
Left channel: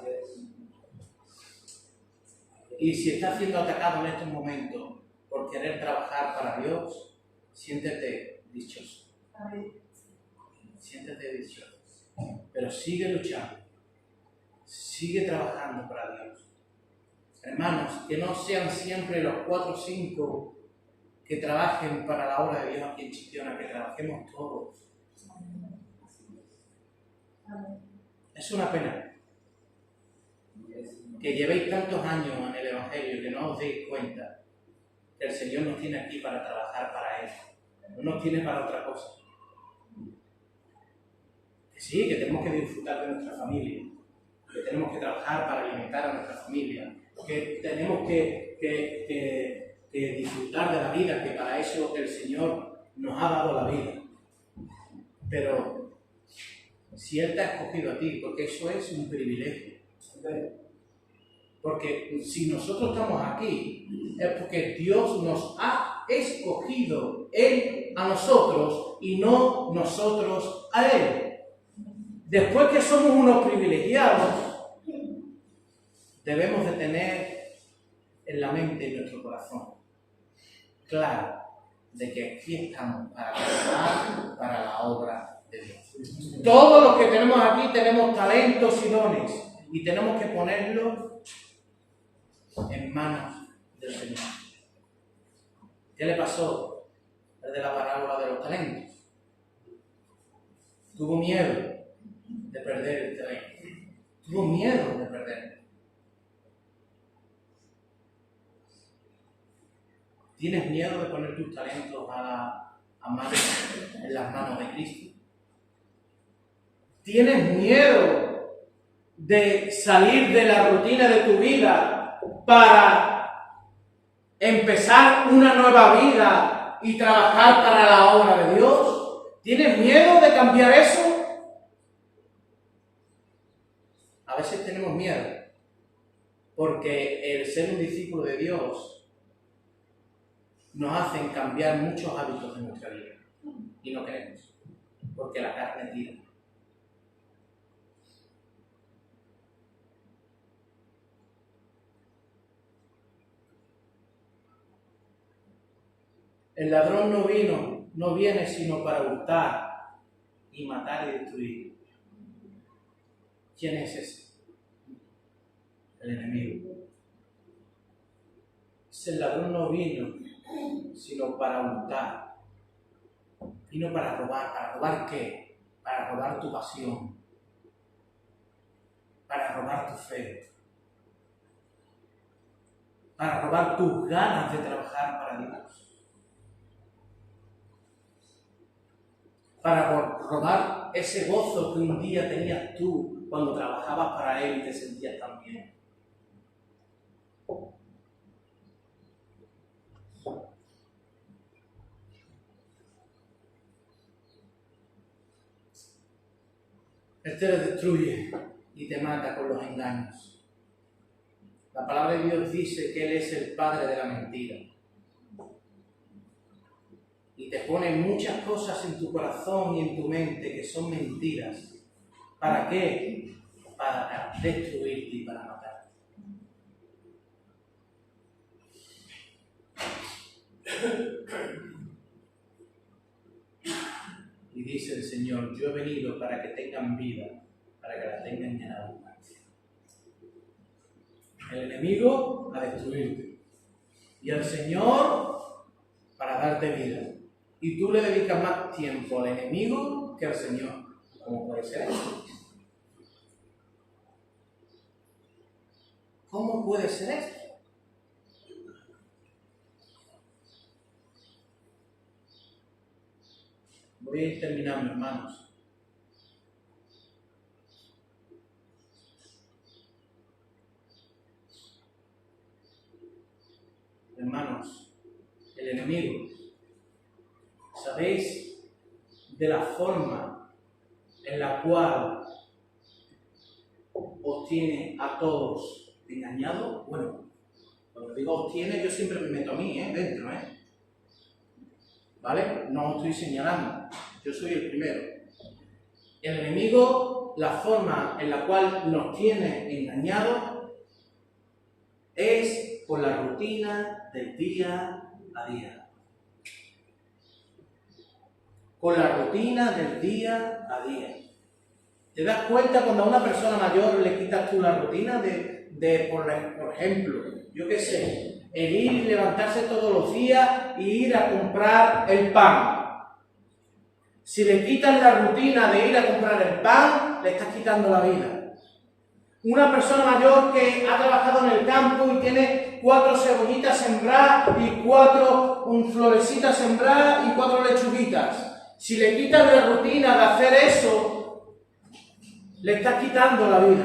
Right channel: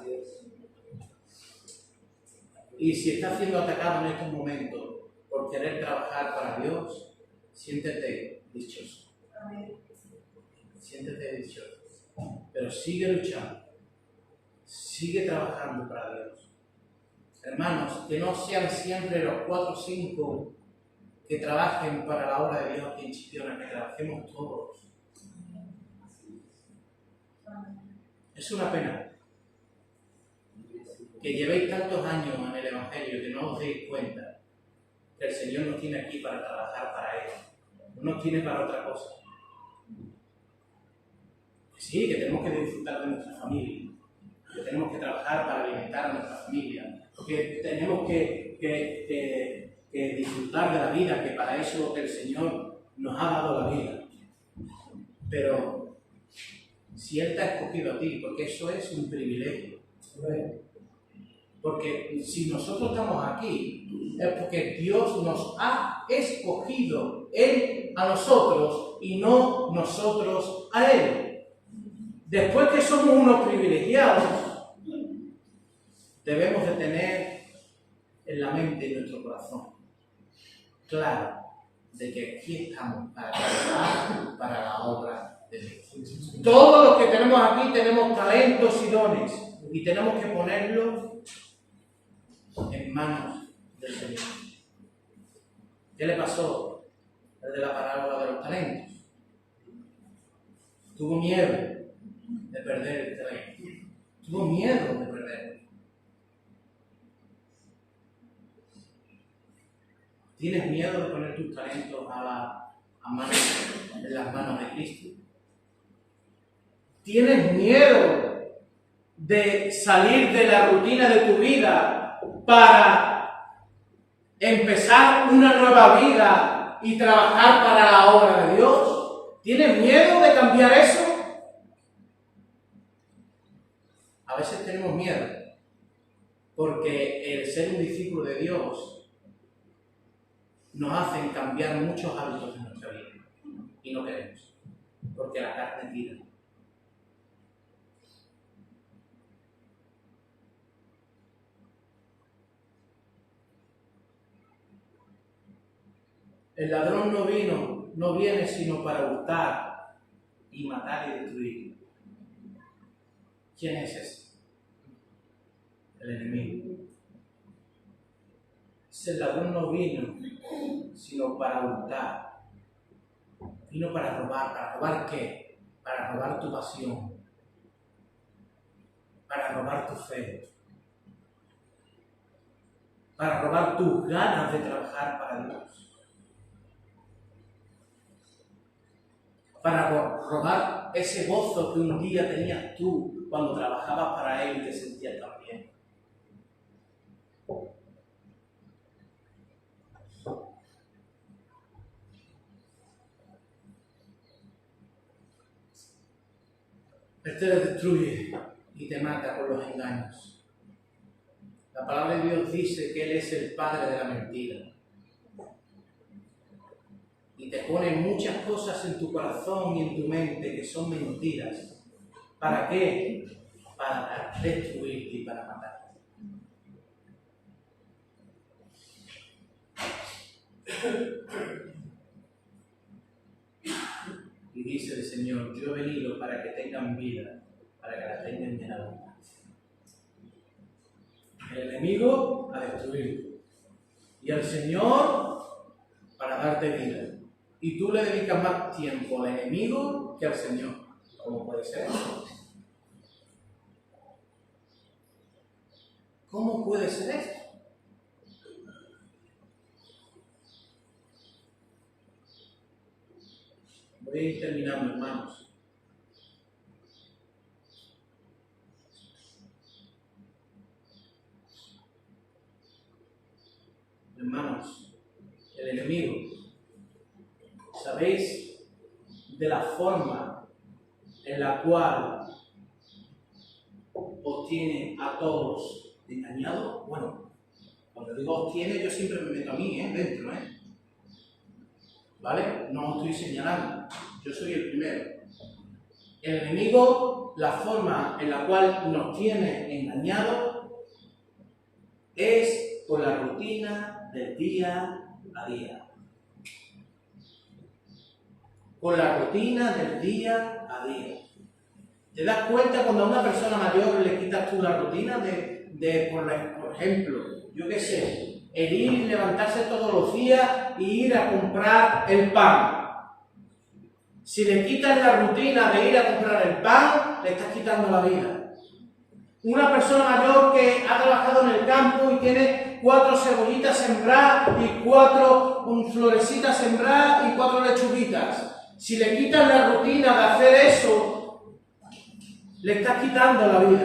Y si está siendo atacado en estos momentos por querer trabajar para Dios, siéntete dichoso. Siéntete dichoso. Pero sigue luchando. Sigue trabajando para Dios. Hermanos, que no sean siempre los 4 o 5 que trabajen para la obra de Dios aquí en Chipiona, que trabajemos todos. Es una pena que llevéis tantos años en el Evangelio que no os deis cuenta que el Señor nos tiene aquí para trabajar para Él. No nos tiene para otra cosa. Que sí, que tenemos que disfrutar de nuestra familia, que tenemos que trabajar para alimentar a nuestra familia, que tenemos que disfrutar de la vida, que para eso el Señor nos ha dado la vida. Pero si Él te ha escogido a ti, porque eso es un privilegio. Porque si nosotros estamos aquí, es porque Dios nos ha escogido, Él a nosotros y no nosotros a Él. Después que somos unos privilegiados, debemos de tener en la mente y en nuestro corazón claro de que aquí estamos para trabajar para la obra de Dios. Todos los que tenemos aquí tenemos talentos y dones y tenemos que ponerlos en manos del Señor. ¿Qué le pasó al de la parábola de los talentos? Tuvo miedo de perder el terreno. Tuvo miedo de perderlo. ¿Tienes miedo de poner tus talentos en las manos de Cristo? ¿Tienes miedo de salir de la rutina de tu vida para empezar una nueva vida y trabajar para la obra de Dios? ¿Tienes miedo de cambiar eso? A veces tenemos miedo porque el ser un discípulo de Dios nos hacen cambiar muchos hábitos de nuestra vida y no queremos, porque la carne tira. El ladrón no viene sino para hurtar y matar y destruir. ¿Quién es ese? El enemigo. Ese ladrón no vino sino para hurtar. Vino para robar. ¿Para robar qué? Para robar tu pasión. Para robar tu fe. Para robar tus ganas de trabajar para Dios. Para robar ese gozo que un día tenías tú cuando trabajabas para Él y te sentías tan bien. Él te destruye y te mata con los engaños. La palabra de Dios dice que Él es el padre de la mentira. Y te pone muchas cosas en tu corazón y en tu mente que son mentiras. ¿Para qué? Para destruirte y para matarte. Y dice el Señor, yo he venido para que tengan vida, para que la tengan en abundancia. El enemigo a destruirte. Y el Señor para darte vida. Y tú le dedicas más tiempo al enemigo que al Señor. ¿Cómo puede ser eso? ¿Cómo puede ser esto? Voy a ir terminando, hermanos. Hermanos, el enemigo, ¿sabéis de la forma en la cual os tiene a todos engañados? Bueno, cuando digo os tiene, yo siempre me meto a mí, dentro, ¿vale? No os estoy señalando, yo soy el primero. El enemigo, la forma en la cual nos tiene engañados es por la rutina del día a día. Con la rutina del día a día. ¿Te das cuenta cuando a una persona mayor le quitas tú la rutina por ejemplo, yo qué sé, el ir y levantarse todos los días y ir a comprar el pan? Si le quitas la rutina de ir a comprar el pan, le estás quitando la vida. Una persona mayor que ha trabajado en el campo y tiene 4 cebollitas sembradas y 4 florecitas sembradas y 4 lechuguitas. Si le quitas la rutina de hacer eso, le estás quitando la vida.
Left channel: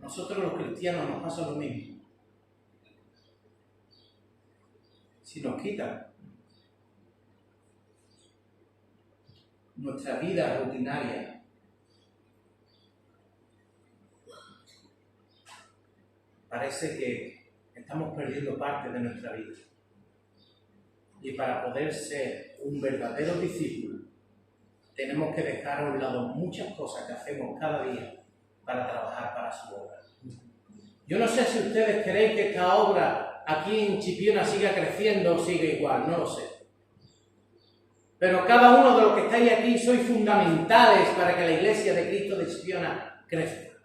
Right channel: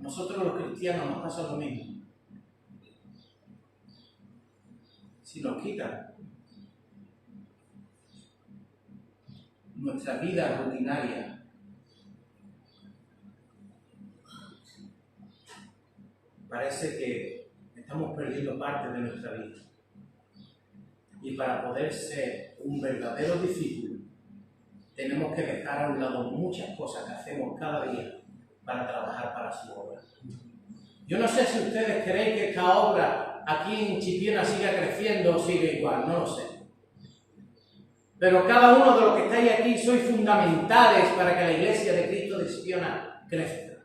Nosotros los cristianos nos pasa lo mismo. Si nos quitan nuestra vida rutinaria, parece que estamos perdiendo parte de nuestra vida. Y para poder ser un verdadero discípulo, tenemos que dejar a un lado muchas cosas que hacemos cada día para trabajar para su obra. Yo no sé si ustedes creen que esta obra aquí en Chipiona siga creciendo o sigue igual, no lo sé. Pero cada uno de los que estáis aquí sois fundamentales para que la Iglesia de Cristo de Chipiona crezca.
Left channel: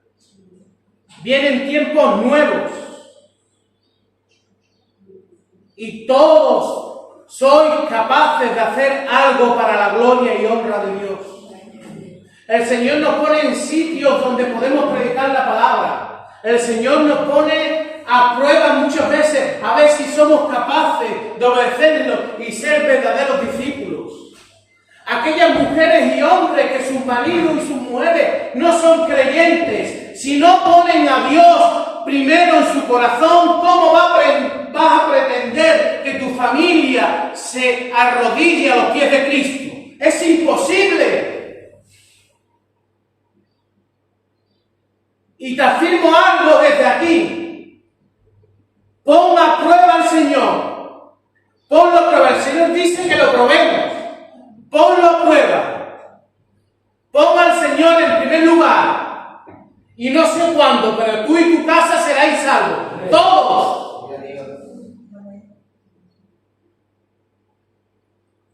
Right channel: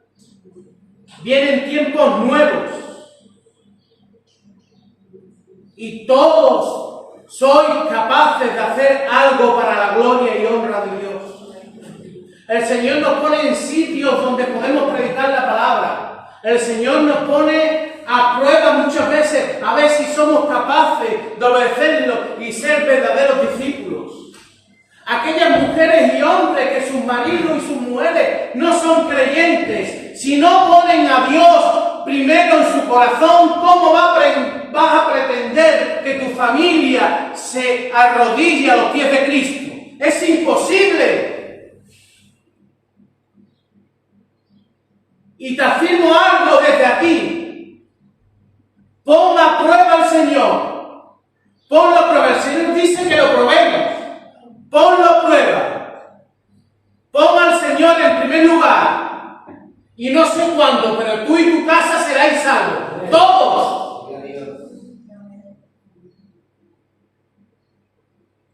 Vienen tiempos nuevos y todos sois capaces de hacer algo para la gloria y honra de Dios. El Señor nos pone en sitios donde podemos predicar la palabra. El Señor nos pone a prueba muchas veces a ver si somos capaces de obedecerlo y ser verdaderos discípulos. Aquellas mujeres y hombres que sus maridos y sus mujeres no son creyentes, si no ponen a Dios primero en su corazón, ¿cómo vas a pretender que tu familia se arrodille a los pies de Cristo? Es imposible. Y te afirmo algo desde aquí. Pon a prueba al Señor. Ponlo a prueba. El Señor dice que lo probemos. Ponlo a prueba. Pon al Señor en primer lugar. Y no sé cuándo, pero tú y tu casa seráis salvos. Todos.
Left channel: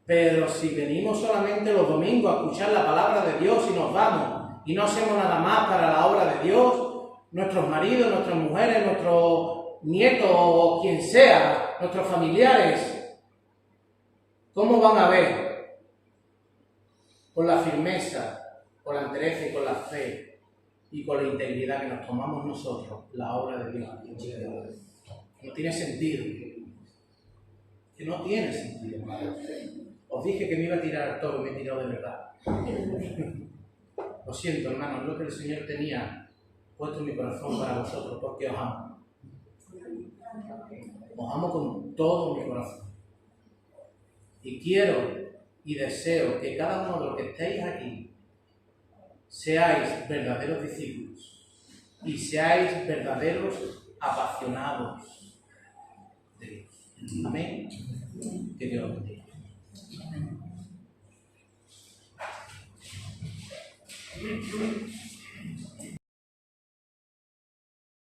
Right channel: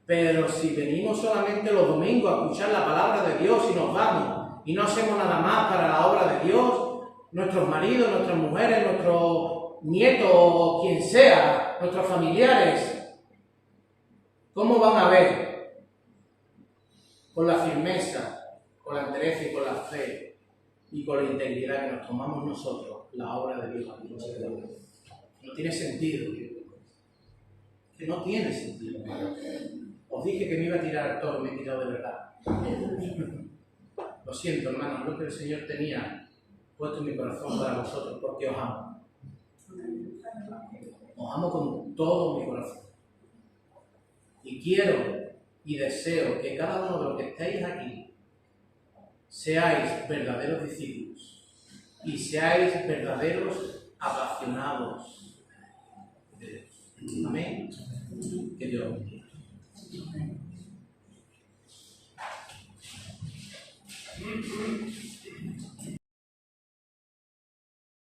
Pero si venimos solamente los domingos a escuchar la palabra de Dios y nos vamos y no hacemos nada más para la obra de Dios, nuestros maridos, nuestras mujeres, nuestros nietos o quien sea, nuestros familiares, ¿cómo van a ver con la firmeza, con la entereza y con la fe y con la integridad que nos tomamos nosotros la obra de Dios? No tiene sentido. Que no tiene sentido, hermano. Os dije que me iba a tirar al toro, me he tirado de verdad. Lo siento, hermano, es lo que el Señor tenía puesto en mi corazón para vosotros, porque os amo. Os amo con todo mi corazón. Y quiero y deseo que cada uno de los que estéis aquí seáis verdaderos discípulos y seáis verdaderos apasionados de Dios. Amén. Que Dios os bendiga. Thank you.